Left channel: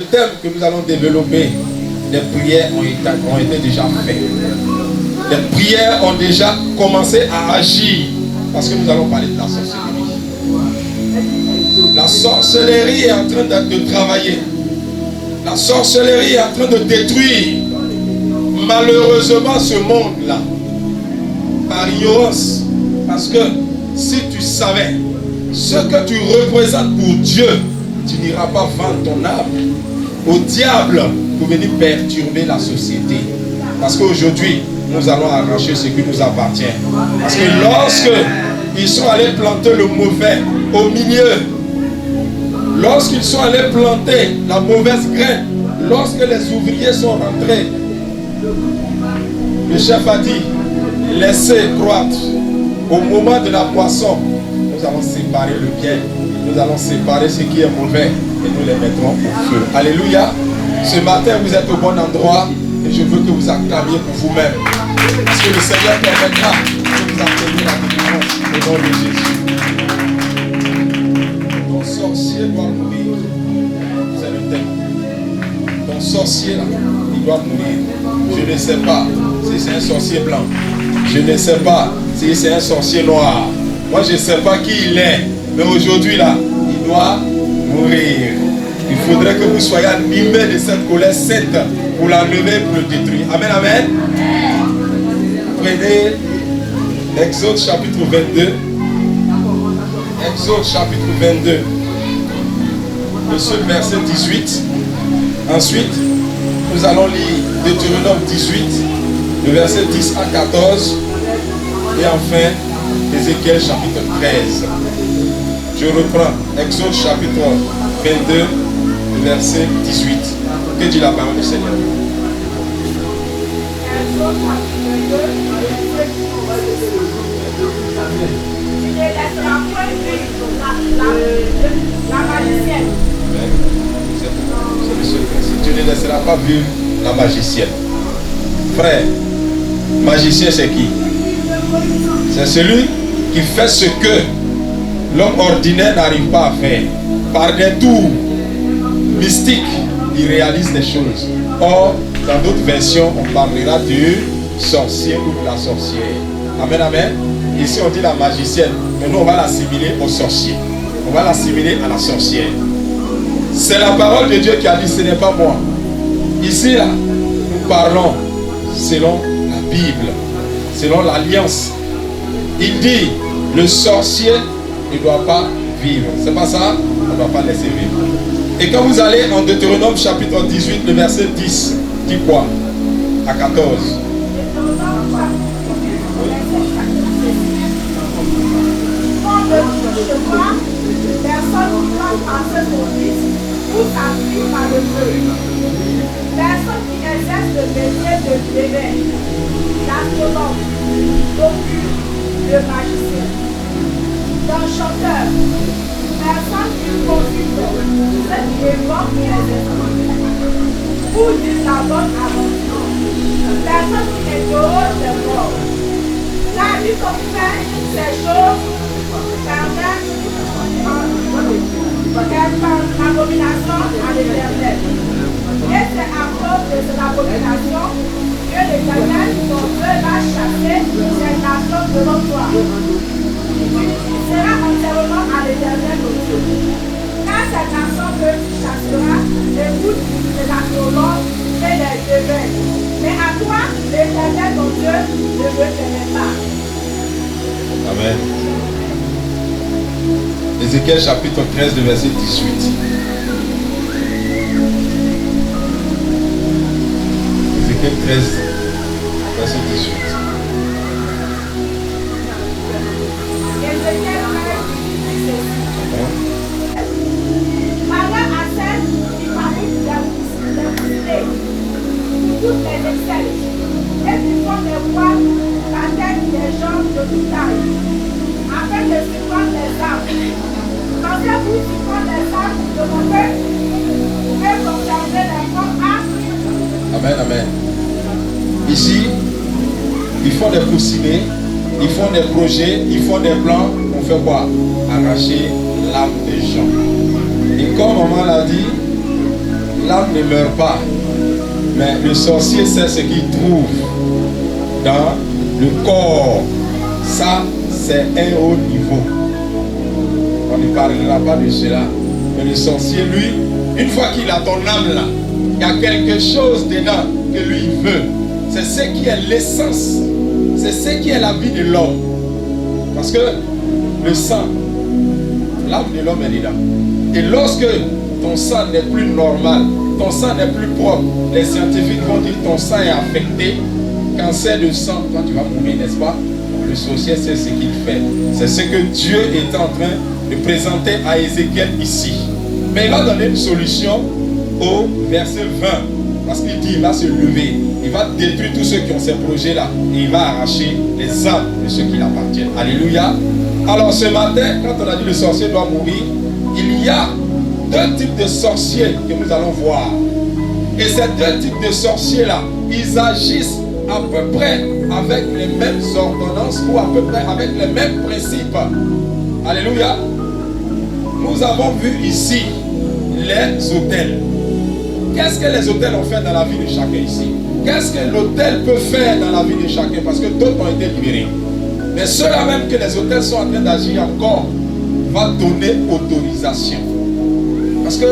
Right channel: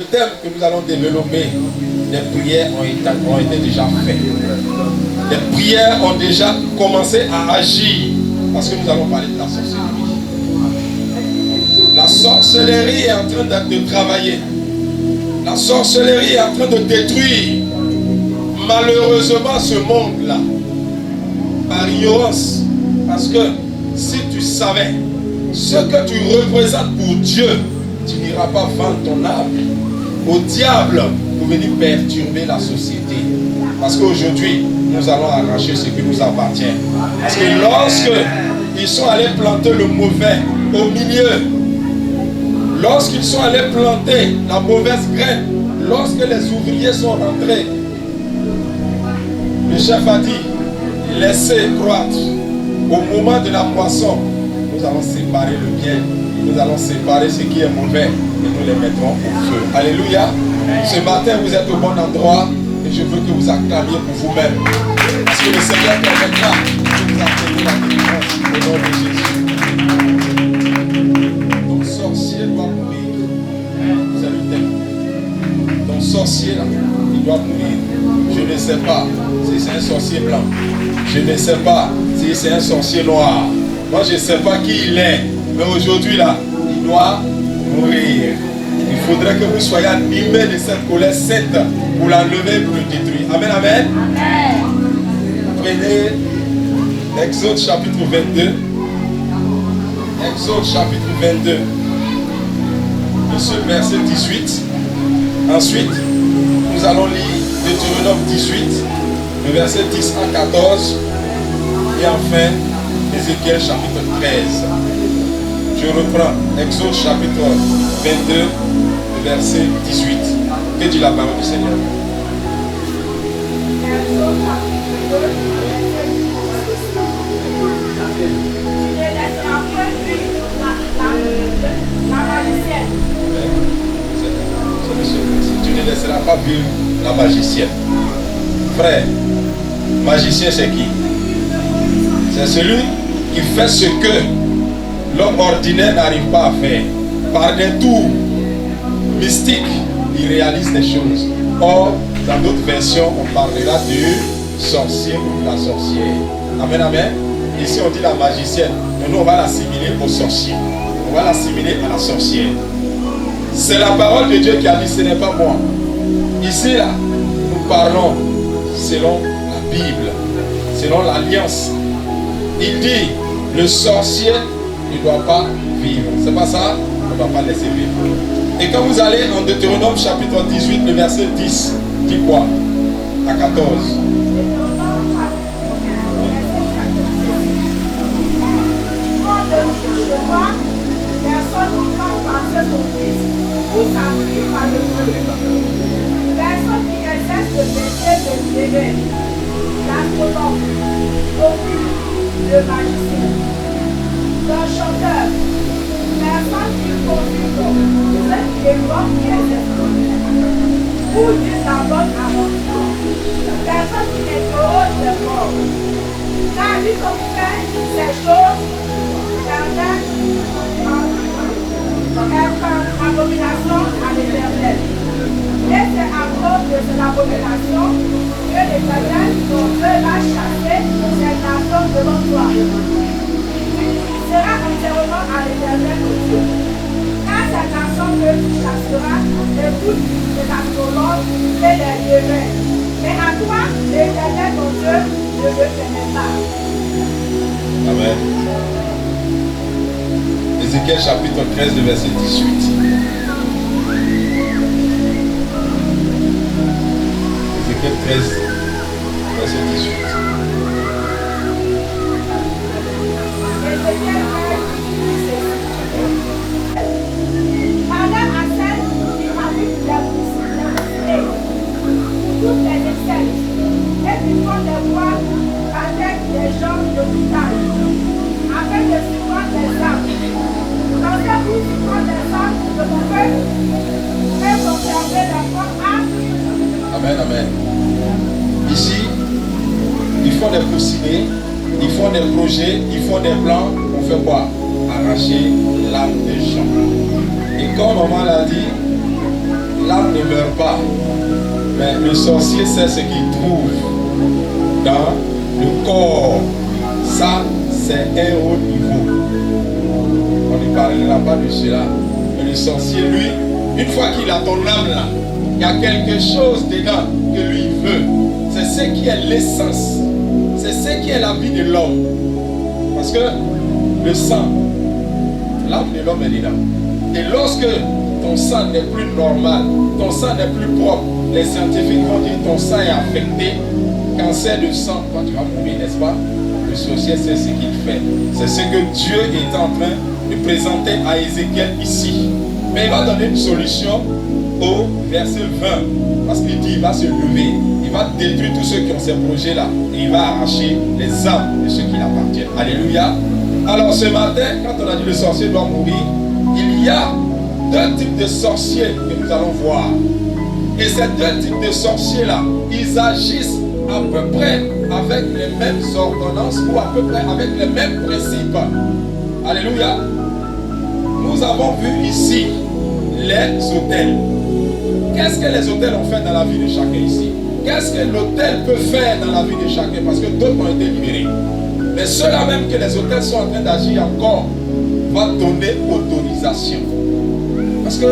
Le thème que nous allons développer, les prières ont été déjà faites. Les prières ont déjà commencé à agir parce que nous allons parler de la sorcellerie. La sorcellerie est en train de travailler. La sorcellerie est en train de détruire malheureusement ce monde-là par ignorance. Parce que si tu savais ce que tu représentes pour Dieu, tu n'iras pas vendre ton âme au diable pour venir perturber la société. Parce qu'aujourd'hui, nous allons arracher ce qui nous appartient. Parce que lorsque ils sont allés planter le mauvais au milieu, lorsqu'ils sont allés planter la mauvaise graine, lorsque les ouvriers sont rentrés, le chef a dit, laissez croître. Au moment de la moisson, nous allons séparer le bien, nous allons séparer ce qui est mauvais et nous les mettrons au feu. Alléluia. Ce matin, vous êtes au bon endroit et je veux que vous acclamiez pour vous-même. Parce que le Seigneur permettra que vous appeliez la délivrance au nom de Jésus. Ton sorcier doit mourir. Vous avez le thème. Ton sorcier là, il doit mourir. Je ne sais pas si c'est un sorcier blanc. Je ne sais pas si c'est un sorcier noir. Moi, je ne sais pas qui il est. Mais aujourd'hui là, il doit mourir. Il faudrait que vous soyez animés de cette colère sainte pour l'enlever, pour le détruire. Amen, amen. Prenez Exode chapitre 22. Exode chapitre 22. Le seul verset 18. Ensuite, nous allons lire Deutéronome 18, le verset 10 à 14. Et enfin, Ézéchiel chapitre 13. Je reprends Exode chapitre 22, le verset 18. Que dit la parole du Seigneur? Exode chapitre 22, il ne laissera point vivre la magicienne. Tu ne laisseras pas vivre la magicienne. Frère, magicien c'est qui? C'est celui qui fait ce que l'homme ordinaire n'arrive pas à faire. Par des tours mystiques, il réalise des choses. Or, dans d'autres versions, on parlera du sorcier ou de la sorcière. Amen, amen. Ici, on dit la magicienne. Mais nous, on va l'assimiler au sorcier. On va l'assimiler à la sorcière. C'est la parole de Dieu qui a dit, ce n'est pas moi. Ici, là, nous parlons selon la Bible, selon l'Alliance. Il dit, le sorcier ne doit pas vivre. C'est pas ça? On ne doit pas laisser vivre. Et quand vous allez en Deutéronome chapitre 18, le verset 10, dit quoi? À 14. Personne ne doit passer son fils ou sa fille par le feu. Personne qui exerce le métier de l'évêque, l'astronome, l'occulte, le magicien, d'un chanteur, personne qui consulte, ceux qui évoquent les esprits, ou dit la bonne aventure, personne qui interroge les morts, car lui qu'on fait ces choses permettent abomination à l'Éternel. Et c'est à cause de cette abomination que l'Éternel, ton Dieu, va chasser cette nation devant toi. Il sera entièrement à l'Éternel ton Dieu. Car cette nation que tu chasseras écoute les astrologues et les devins. Mais à toi, l'Éternel ton Dieu ne le connaît pas. Amen. Ézéchiel chapitre 13, le verset 18. Ézéchiel 13, verset 18. Ézéchiel 13, parla à celle qui fabrique des pour toutes les excès et qui font des voiles avec des gens de tout âge, afin de suivre les âmes. Pensez-vous suivre les âmes de mon peuple et conserver les forts âmes? Amen, amen. Ici, ils font des coussinets, ils font des projets, ils font des plans. On fait quoi? Arracher l'âme des gens. Et comme maman l'a dit, l'âme ne meurt pas. Mais le sorcier sait ce qu'il trouve dans le corps. Ça, c'est un haut niveau. On ne parlera pas de cela. Mais le sorcier, lui, une fois qu'il a ton âme là, il y a quelque chose dedans que lui veut. C'est ce qui est l'essence. C'est ce qui est la vie de l'homme. Parce que le sang, l'âme de l'homme est dedans. Et lorsque ton sang n'est plus normal, ton sang n'est plus propre, les scientifiques vont dire que ton sang est affecté, cancer de sang, toi tu vas mourir, n'est-ce pas? Le sorcier sait ce qu'il fait. C'est ce que Dieu est en train de présenter à Ézéchiel ici. Mais il va donner une solution au verset 20. Parce qu'il dit, il va se lever, il va détruire tous ceux qui ont ces projets-là. Et il va arracher les âmes de ceux qui l'appartiennent. Alléluia. Alors ce matin, quand on a dit le sorcier doit mourir, il y a deux types de sorciers que nous allons voir. Et ces deux types de sorciers-là, ils agissent à peu près avec les mêmes ordonnances ou à peu près avec les mêmes principes. Alléluia. Nous avons vu ici les autels. Qu'est-ce que les autels ont fait dans la vie de chacun ici? Qu'est-ce que l'autel peut faire dans la vie de chacun? Parce que d'autres ont été libérés. Mais ceux-là même que les autels sont en train d'agir encore, va donner autorisation. Parce que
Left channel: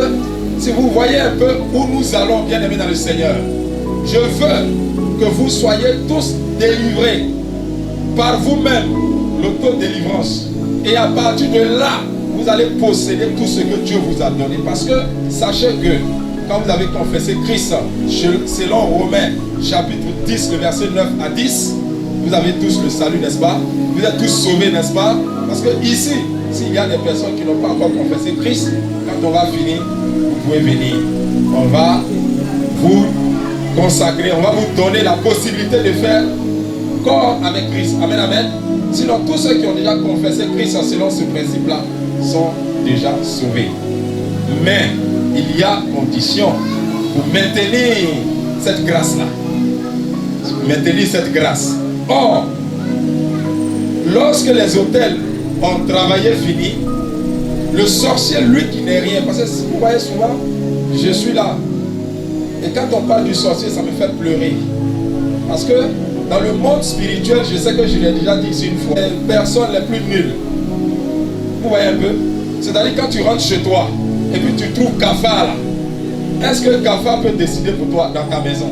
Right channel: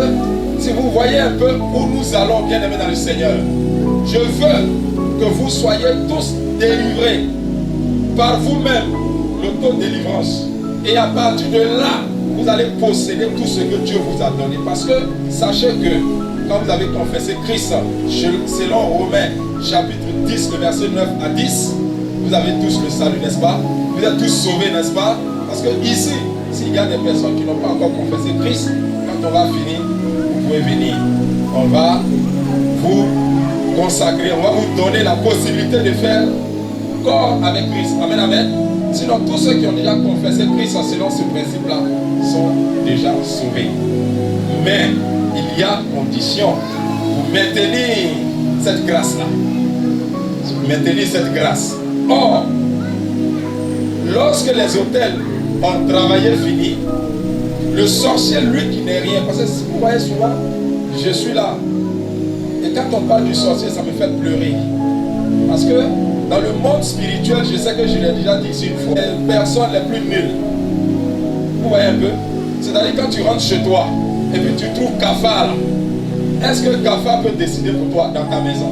si vous voyez un peu où nous allons, bien aimés dans le Seigneur, je veux que vous soyez tous délivrés par vous-même, l'autodélivrance. Et à partir de là, vous allez posséder tout ce que Dieu vous a donné. Parce que sachez que quand vous avez confessé Christ, selon Romains chapitre 10, le verset 9 à 10, vous avez tous le salut, n'est-ce pas? Vous êtes tous sauvés, n'est-ce pas? Parce que ici, s'il y a des personnes qui n'ont pas encore confessé Christ, quand on va finir, vous pouvez venir. On va vous consacrer, on va vous donner la possibilité de faire corps avec Christ. Amen, amen. Sinon, tous ceux qui ont déjà confessé Christ selon ce principe-là sont déjà sauvés. Mais il y a condition pour maintenir cette grâce-là. Maintenir cette grâce. Or, lorsque les autels ont travaillé fini, le sorcier, lui qui n'est rien, parce que vous voyez souvent, je suis là. Et quand on parle du sorcier, ça me fait pleurer. Parce que dans le monde spirituel, je sais que je l'ai déjà dit ici une fois, les personnes les plus nulles. Vous voyez un peu? C'est-à-dire quand tu rentres chez toi, et puis tu trouves Cafard là. Est-ce que Cafard peut décider pour toi dans ta maison?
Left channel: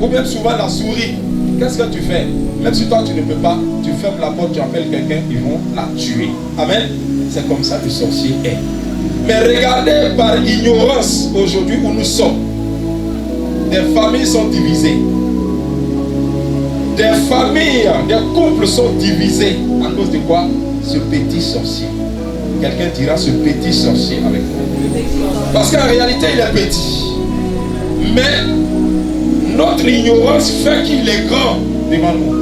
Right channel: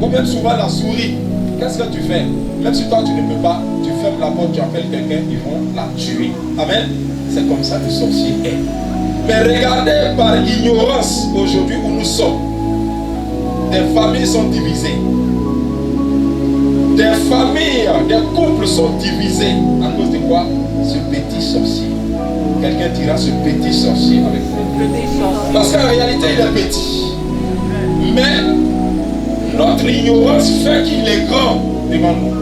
Ou même souvent la souris. Qu'est-ce que tu fais? Même si toi tu ne peux pas, tu fermes la porte, tu appelles quelqu'un, ils vont la tuer. Amen. C'est comme ça le sorcier est. Mais regardez par ignorance aujourd'hui où nous sommes. Des familles sont divisées. Des familles, des couples sont divisés. À cause de quoi? Ce petit sorcier. Quelqu'un dira ce petit sorcier avec moi. Parce qu'en réalité il est petit. Mais notre ignorance fait qu'il est grand devant nous.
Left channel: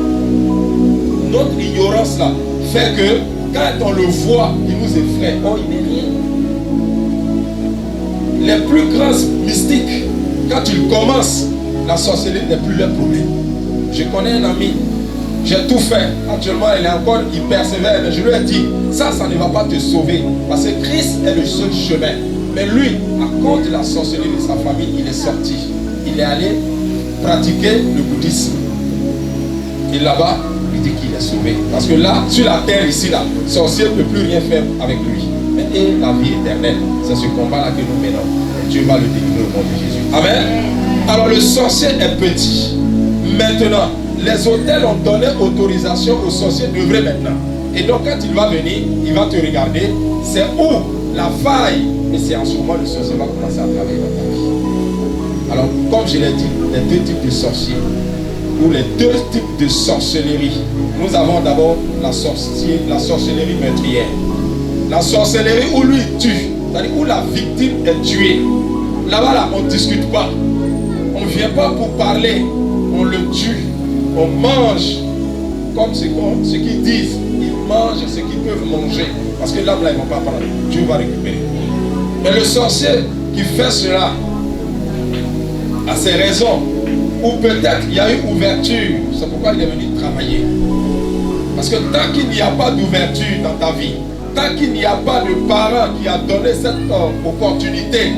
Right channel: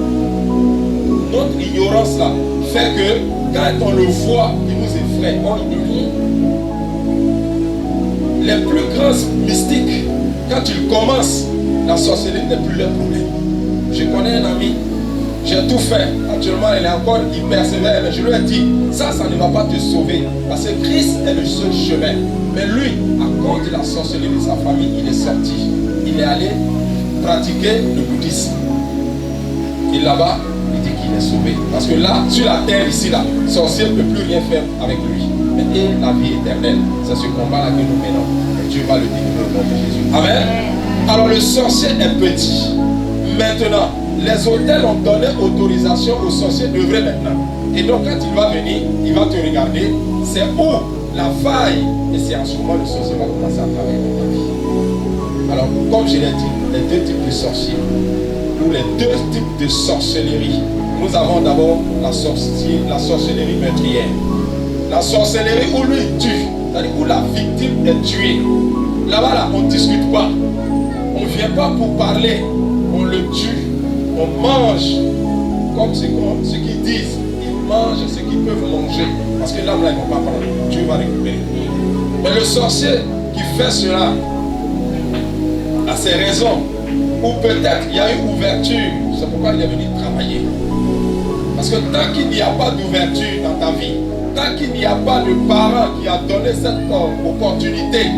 Notre ignorance là fait que quand on le voit, il nous effraie. Oh, il n'est rien. Les plus grands mystiques, quand ils commencent, la sorcellerie n'est plus leur problème. Je connais un ami, j'ai tout fait. Actuellement, il persévère, mais je lui ai dit, ça ne va pas te sauver. Parce que Christ est le seul chemin. Mais lui, à cause de la sorcellerie de sa famille, il est sorti. Il est allé pratiquer le bouddhisme. Et là-bas, il dit qu'il est sauvé. Parce que là, sur la terre, ici, là, sorcier ne peut plus rien faire avec lui. Et la vie éternelle, c'est ce combat-là que nous menons. Et Dieu va le délivrer au nom de Jésus. Amen. Alors le sorcier est petit. Maintenant, les autels ont donné autorisation au sorcier d'œuvrer maintenant. Et donc quand il va venir, il va te regarder. C'est où la faille. Et c'est en ce moment le sorcier va commencer à travailler dans ta vie. Alors, comme je l'ai dit, les deux types de sorciers, ou les deux types de sorcellerie. Nous avons d'abord la sorcellerie meurtrière. La sorcellerie où lui tue, c'est-à-dire où la victime est tuée. Là-bas, là, on ne discute pas. On ne vient pas pour parler. On le tue. On mange comme ce qu'ils disent. Ils mangent ce qu'ils peuvent manger. Parce que là, ils ne vont pas parler. Dieu va récupérer. Mais le sorcier qui fait cela a ses raisons. Ou peut-être il y a eu ouverture. C'est pourquoi il est venu travailler. Parce que tant qu'il n'y a pas d'ouverture dans ta vie, tant qu'il n'y a pas de parent qui a donné cette opportunité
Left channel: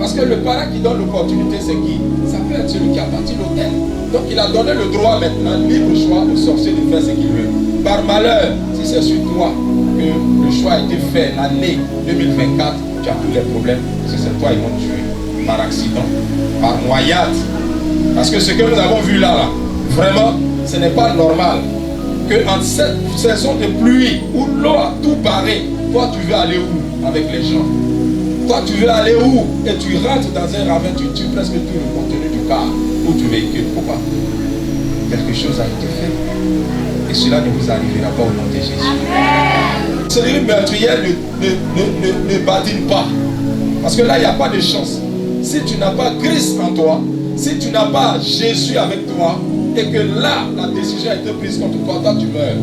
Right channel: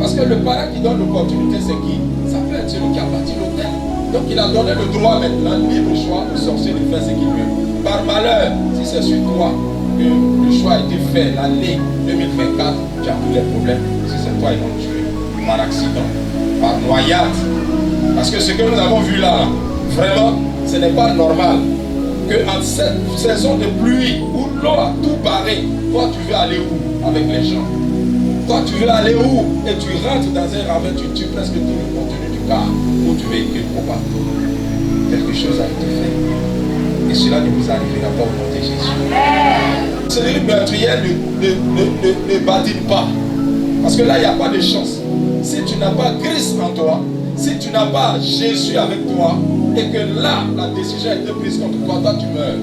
Parce que le parent qui donne l'opportunité, c'est qui? Ça peut être celui qui a bâti l'hôtel. Donc il a donné le droit maintenant, libre choix au sorcier de faire ce qu'il veut. Par malheur, si c'est sur toi que le choix a été fait l'année 2024, tu as tous les problèmes. Si c'est toi, ils vont te tuer. Par accident, par noyade. Parce que ce que nous avons vu là, vraiment, ce n'est pas normal. Qu'en cette saison de pluie où l'eau a tout barré, toi tu veux aller où avec les gens? Toi tu veux aller où? Et tu rentres dans un ravin, tu tues presque tout le contenu du car où tu véhicules. Pourquoi? Quelque chose a été fait. Et cela ne vous arrivera pas au nom de Jésus. La sorcellerie meurtrière ne badine pas. Parce que là, il n'y a pas de chance. Si tu n'as pas Christ en toi, si tu n'as pas Jésus avec toi, et que là, la décision a été prise contre toi, toi tu meurs.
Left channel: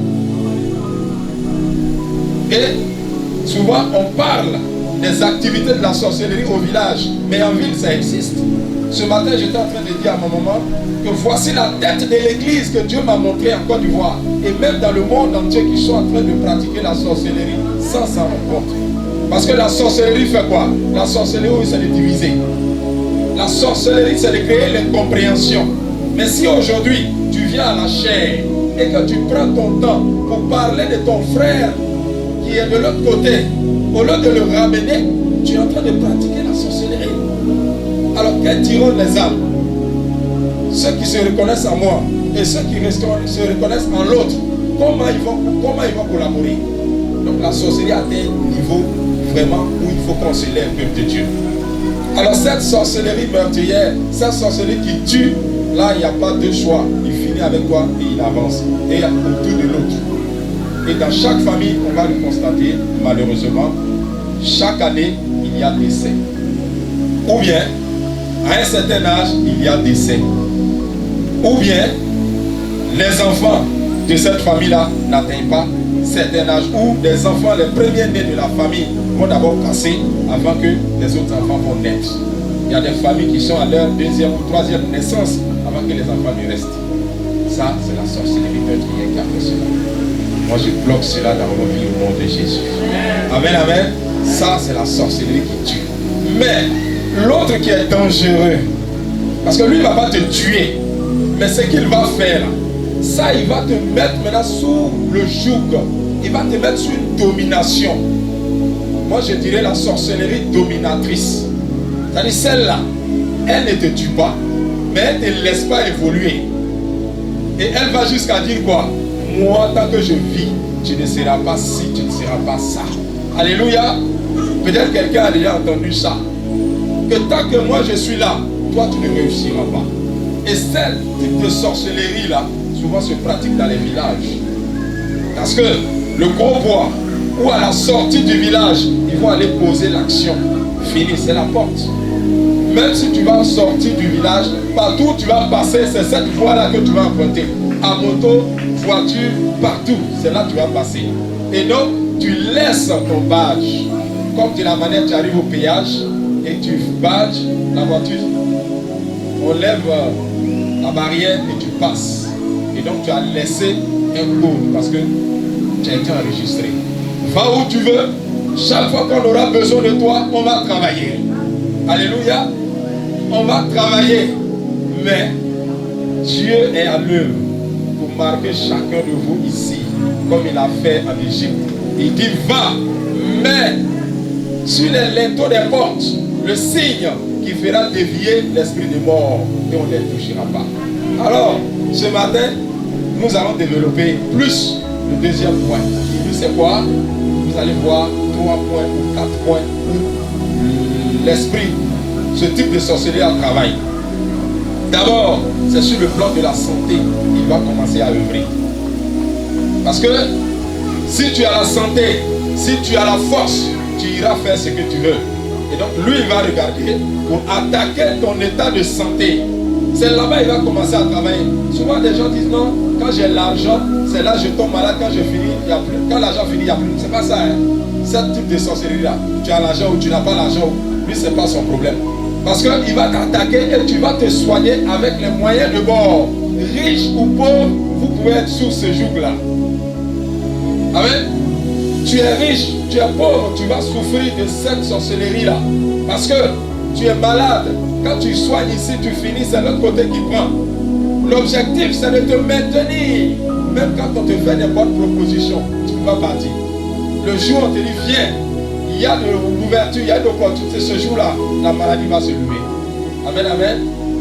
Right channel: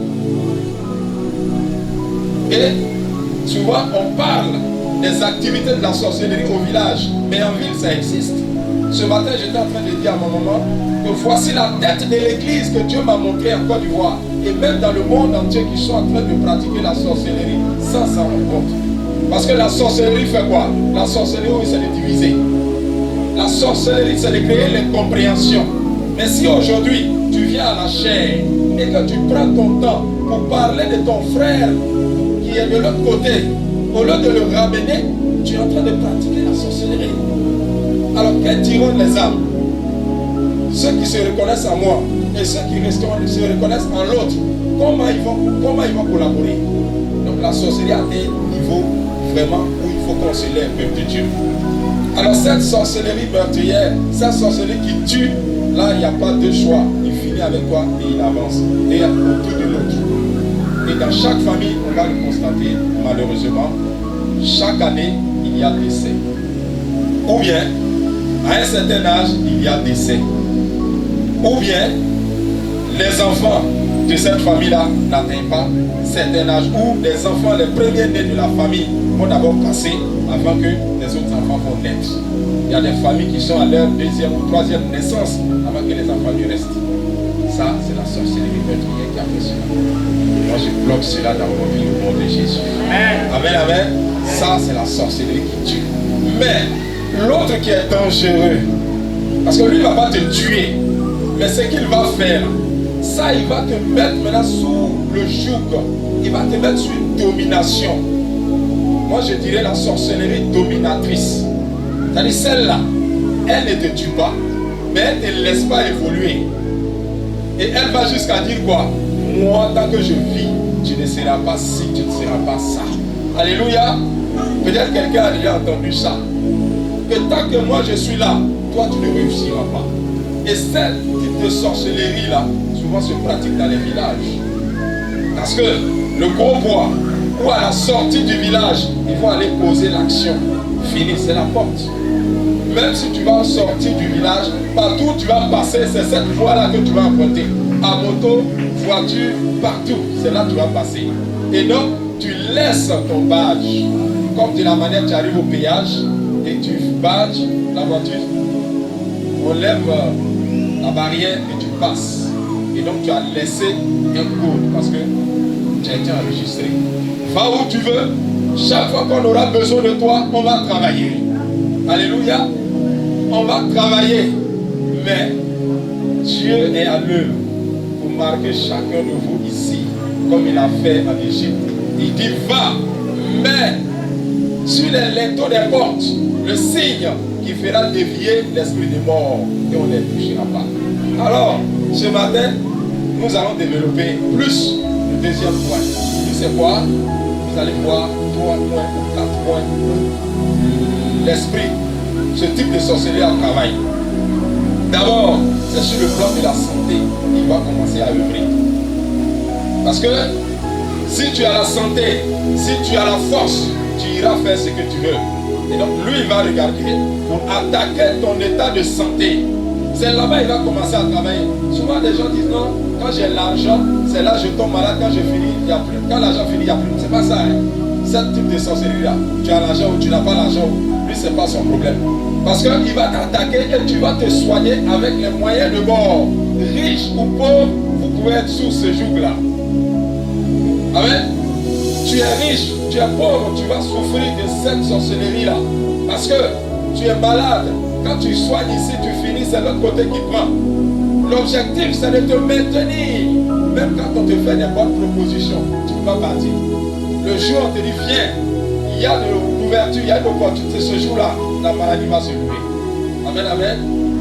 Et souvent, on parle des activités de la sorcellerie au village, mais en ville, ça existe. Ce matin, j'étais en train de dire à ma maman que voici la tête de l'église que Dieu m'a montrée en Côte d'Ivoire, et même dans le monde entier qui sont en train de pratiquer la sorcellerie sans s'en rendre compte. Parce que la sorcellerie fait quoi? La sorcellerie, oui, c'est de diviser. La sorcellerie, c'est de créer l'incompréhension. Mais si aujourd'hui, tu viens à la chair et que tu prends ton temps pour parler de ton frère qui est de l'autre côté, au lieu de le ramener, tu es en train de pratiquer la sorcellerie. Alors, quels diront les âmes? Ceux qui se reconnaissent en moi et ceux qui se reconnaissent en l'autre, comment ils vont collaborer? Donc, la sorcellerie a des niveaux vraiment où il faut qu'on se lève, peuple de Dieu. Alors cette sorcellerie meurtrière, cette sorcellerie qui tue, là il n'y a pas de choix. Il finit avec toi et il avance. Et autour de l'autre. Et dans chaque famille, on va le constater, malheureusement, chaque année, il y a décès. Ou bien, à un certain âge, il y a décès. Ou bien, les enfants de cette famille-là n'atteignent pas certain âge, ou des enfants, les premiers nés de la famille, vont d'abord passer avant que les autres enfants vont naître. Il y a des familles qui sont à leur deuxième ou troisième naissance avant que les enfants ne restent. Ça, c'est la sorcellerie meurtrière qui a fait cela. Moi, je bloque cela dans vos vies au nom de Jésus. Amen, amen. Ça, c'est la sorcellerie qui tue. Mais l'autre qui est dangereux, parce que lui, il ne va pas te tuer, mais ce qu'il va faire, ça, il va te mettre maintenant sous le joug. Il va te mettre sous une domination. Moi, je dirais la sorcellerie dominatrice. C'est-à-dire celle-là, elle ne te tue pas, mais elle ne te laisse pas évoluer. Et elle va jusqu'à dire quoi? Moi, tant que je vis, tu ne seras pas ci, tu ne seras pas ça. Alléluia. Peut-être quelqu'un a déjà entendu ça. Que tant que moi je suis là, toi tu ne réussiras pas. Et cette type de sorcellerie-là, souvent se pratique dans les villages. Parce que le gros bois, ou à la sortie du village, ils vont aller poser l'action. Fini, c'est la porte. Même si tu vas sortir du village, partout où tu vas passer, c'est cette voie-là que tu vas emprunter. À moto, voiture, partout, c'est là que tu vas passer. Et donc, tu laisses ton badge. Comme de la manière, tu arrives au péage et tu badges la voiture, on lève la barrière et tu passes. Et donc, tu as laissé un code parce que tu as été enregistré. Va où tu veux. Chaque fois qu'on aura besoin de toi, on va travailler. Alléluia. On va travailler. Mais Dieu est à l'œuvre pour marquer chacun de vous ici, comme il a fait en Égypte. Il dit va, mais sur les linteaux des portes, le signe qui fera dévier l'esprit de mort et on ne les touchera pas. Alors, ce matin, nous allons développer plus le deuxième point. C'est quoi? Vous allez voir 3 points ou 4 points où l'esprit, ce type de sorcellerie à travail. D'abord, c'est sur le plan de la santé qu'il va commencer à œuvrer. Parce que si tu as la santé, si tu as la force, tu iras faire ce que tu veux. Et donc lui, il va regarder pour attaquer ton état de santé. C'est là-bas qu'il va commencer à travailler. Souvent, des gens disent non, quand j'ai l'argent, c'est là que je tombe malade, quand je finis, il n'y a plus. Quand l'argent finit, il n'y a plus. C'est pas ça, hein. Ce type de sorcellerie-là. Tu as l'argent ou tu n'as pas l'argent, lui, c'est pas son problème. Parce qu'il va t'attaquer et tu vas te soigner avec les moyens de bord. Riche ou pauvre, vous pouvez être sous ce joug-là. Amen. Tu es riche, tu es pauvre, tu vas souffrir de cette sorcellerie-là. Parce que Tu es malade. Quand tu soignes ici, tu finis, c'est l'autre côté qui prend. L'objectif, c'est de te maintenir. Même quand on te fait des bonnes propositions, tu ne peux pas partir. Le jour où on te dit, viens, il y a de l'ouverture, il y a de l'opportunité. Ce jour-là, la maladie va se lever. Amen, amen.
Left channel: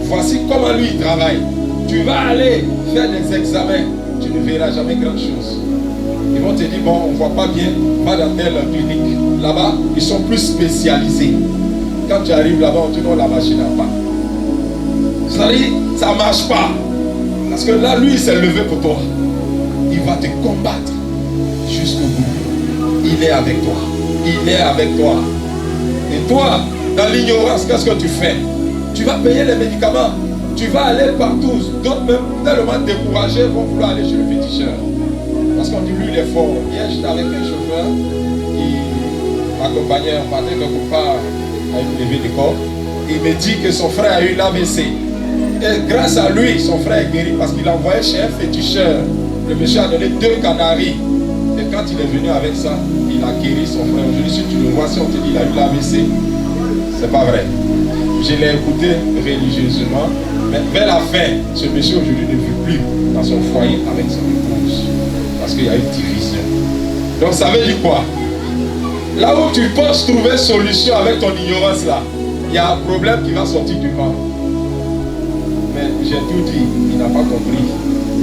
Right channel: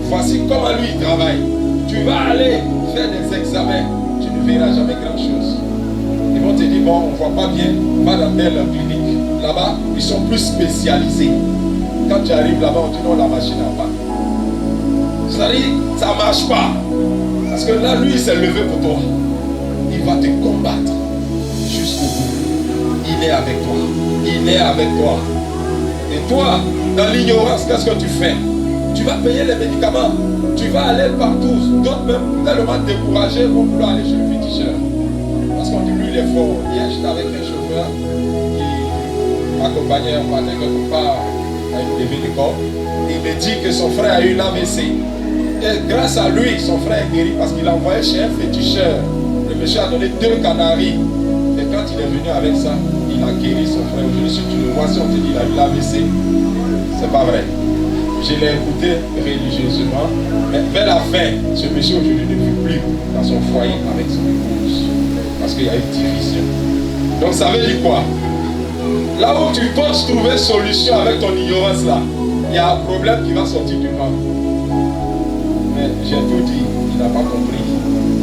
Voici comment lui il travaille. Tu vas aller faire des examens. Tu ne verras jamais grand-chose. Ils vont te dire, bon, on ne voit pas bien, va dans telle clinique. Là-bas, ils sont plus spécialisés. Quand tu arrives là-bas, on te dit, non, la machine n'a pas. C'est-à-dire, ça ne marche pas. Parce que là, lui, il s'est levé pour toi. Il va te combattre jusqu'au bout. Il est avec toi. Il est avec toi. Et toi, dans l'ignorance, qu'est-ce que tu fais? Tu vas payer les médicaments. Tu vas aller partout. D'autres même tellement découragés vont vouloir aller chez le féticheur. Parce qu'on dit lui il est fort. Hier j'étais avec un chauffeur qui m'accompagnait, on partait quelque part à une levée de corps. Il me dit que son frère a eu l'AVC. Et grâce à lui, son frère est guéri parce qu'il a envoyé chez un féticheur. Le monsieur a donné 2 canaris. Et quand il est venu avec ça, il a guéri son frère. Aujourd'hui, si tu le vois, si on te dit qu'il a eu l'AVC, c'est pas vrai. Je l'ai écouté religieusement. Mais vers la fin, ce monsieur aujourd'hui ne vit plus dans son foyer avec son épouse. Parce qu'il y a eu division. Donc ça veut dire quoi? Là où tu penses trouver solution avec ton ignorance là, il y a un problème qui va sortir du ventre. Mais j'ai tout dit, il n'a pas compris.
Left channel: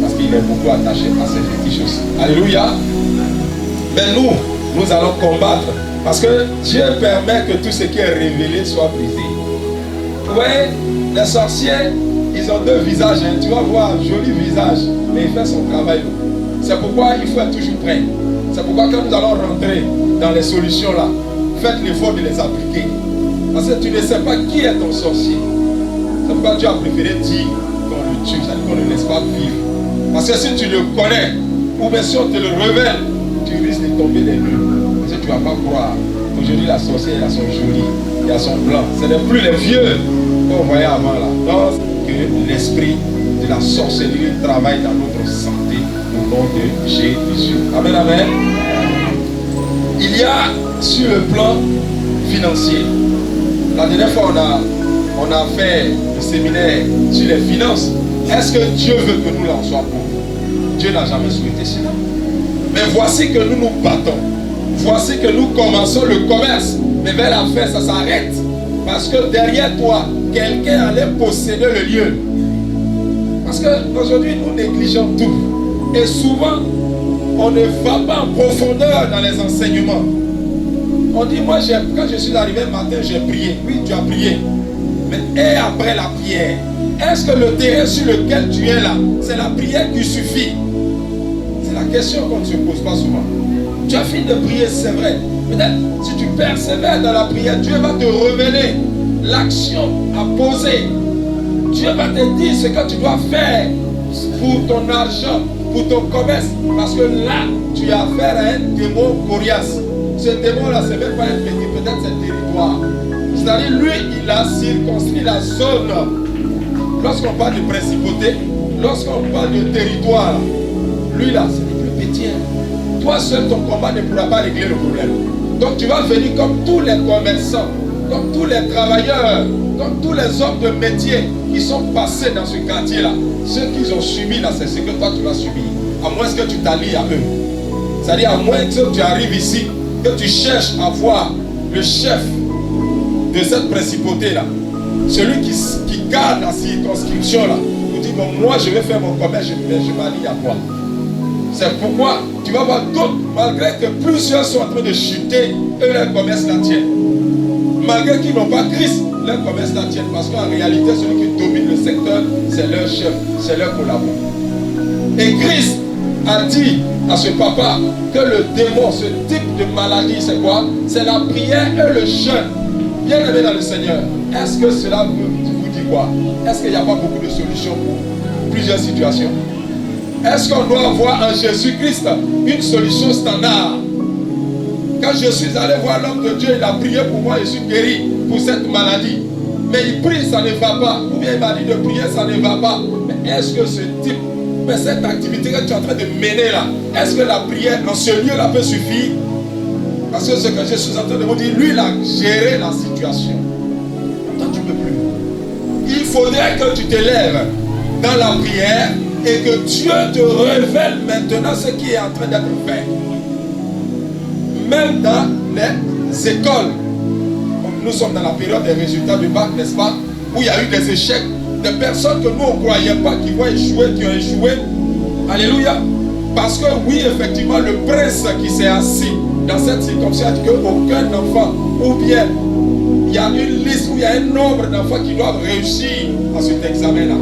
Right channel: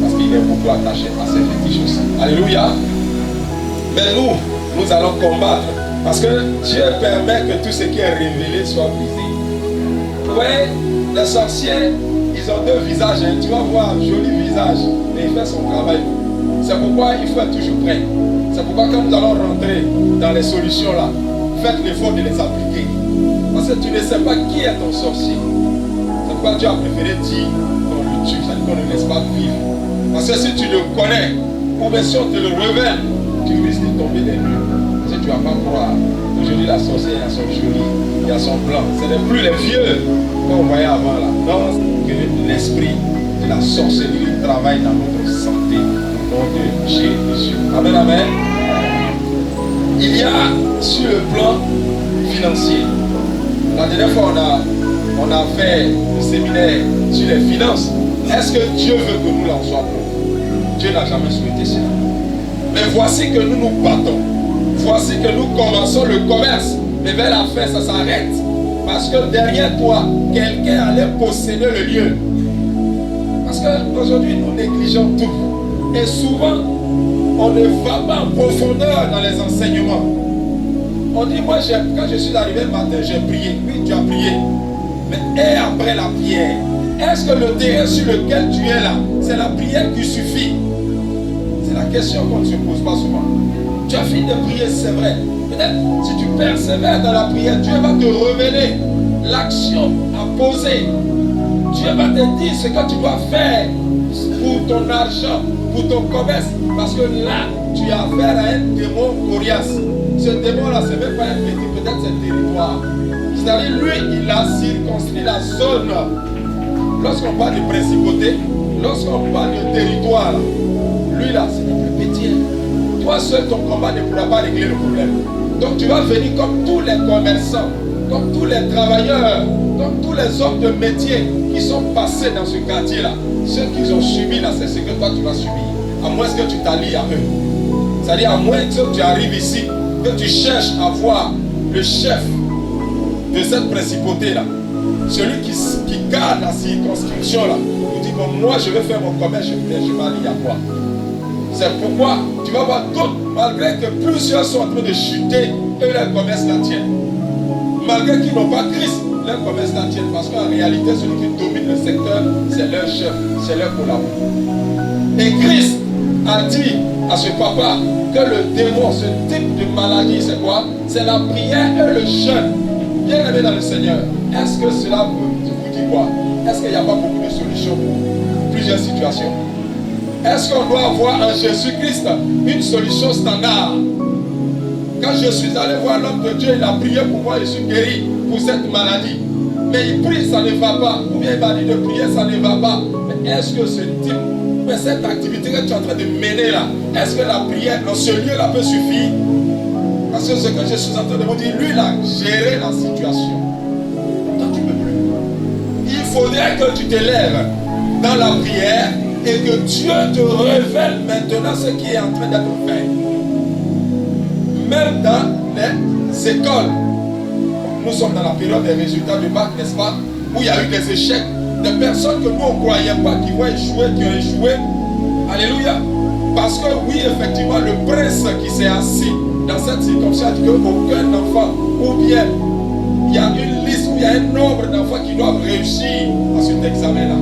Parce qu'il est beaucoup attaché à ces fétiches aussi. Alléluia. Mais nous allons combattre. Parce que Dieu permet que tout ce qui est révélé soit brisé. Vous voyez, les sorciers, ils ont 2 visages. Hein. Tu vas voir un joli visage, mais il fait son travail. C'est pourquoi il faut être toujours prêt. C'est pourquoi quand nous allons rentrer dans les solutions là, faites l'effort de les appliquer. Parce que tu ne sais pas qui est ton sorcier. C'est pourquoi Dieu a préféré dire qu'on le tue, c'est-à-dire qu'on ne laisse pas vivre. Parce que si tu le connais, ou bien si on te le révèle, tu risques de tomber des nues. Parce que tu ne vas pas croire. Aujourd'hui, la sorcière, elle a son joli, il y a son blanc. Ce n'est plus les vieux qu'on voyait avant là. Donc, que l'esprit de la sorcellerie travaille dans notre santé au nom de Jésus. Amen, amen. Il y a sur le plan financier. La dernière fois, on a fait le séminaire sur les finances. Est-ce que Dieu veut que nous en soyons pauvres? Dieu n'a jamais souhaité cela. Mais voici que nous nous battons. Voici que nous commençons le commerce. Mais vers la fin, ça s'arrête. Parce que derrière toi, quelqu'un allait posséder le lieu. Parce qu'aujourd'hui, nous négligeons tout. Et souvent, on ne va pas en profondeur dans les enseignements. On dit, moi, quand je suis arrivé le matin, j'ai prié. Oui, tu as prié. Mais et après la prière, est-ce que le terrain sur lequel tu es là, c'est la prière qui suffit? C'est la question qu'on ne se pose pas souvent. Tu as fini de prier, c'est vrai. Peut-être si tu persévères dans la prière, Dieu va te révéler l'action à poser. Dieu va te dire ce que tu dois faire pour ton argent, pour ton commerce. Parce que là, tu as affaire à un démon coriace. Ce démon-là, ce n'est même pas un petit, peut-être c'est un territoire. C'est-à-dire, lui, il a circonscrit la zone. Lorsqu'on parle de principauté, lorsqu'on parle de territoire, lui là, ce n'est plus petit. Toi seul, ton combat ne pourra pas régler le problème. Donc tu vas venir comme tous les commerçants, comme tous les travailleurs, comme tous les hommes de métier qui sont passés dans ce quartier-là. Ceux qu'ils ont subi là, c'est ce que toi tu vas subir. À moins que tu t'allies à eux. C'est-à-dire à moins que tu arrives ici, que tu cherches à voir le chef de cette principauté-là. Celui qui garde la circonscription-là. Vous dit, bon, moi je vais faire mon commerce, je m'allie à toi. C'est pourquoi tu vas voir d'autres, malgré que plusieurs sont en train de chuter, eux leur commerce la tienne. Malgré qu'ils n'ont pas Christ, leur commerce la tienne. Parce qu'en réalité, celui qui domine le secteur, c'est leur chef, c'est leur collaborateur. Et Christ a dit à ce papa que le démon, ce type de maladie, c'est quoi? C'est la prière et le jeûne. Bien aimé dans le Seigneur, est-ce que cela vous dit quoi? Est-ce qu'il n'y a pas beaucoup de solutions pour plusieurs situations? Est-ce qu'on doit avoir en Jésus-Christ une solution standard? Quand je suis allé voir l'homme de Dieu, il a prié pour moi, je suis guéri pour cette maladie. Mais il prie, ça ne va pas. Ou bien il m'a dit de prier, ça ne va pas. Mais est-ce que ce type, mais cette activité que tu es en train de mener là, est-ce que la prière en ce lieu-là peut suffire? Parce que ce que je suis en train de vous dire, lui, il a géré la situation. Donc faudrait que tu te lèves dans la prière et que Dieu te révèle maintenant ce qui est en train d'être fait. Même dans les écoles, nous sommes dans la période des résultats du bac, n'est-ce pas, où il y a eu des échecs, des personnes que nous on ne croyait pas qui vont échouer, qui ont échoué. Alléluia. Parce que oui, effectivement, le prince qui s'est assis dans cette circonstance, qu'aucun enfant, ou bien il y a une liste où il y a un nombre d'enfants qui doivent réussir à cet examen-là.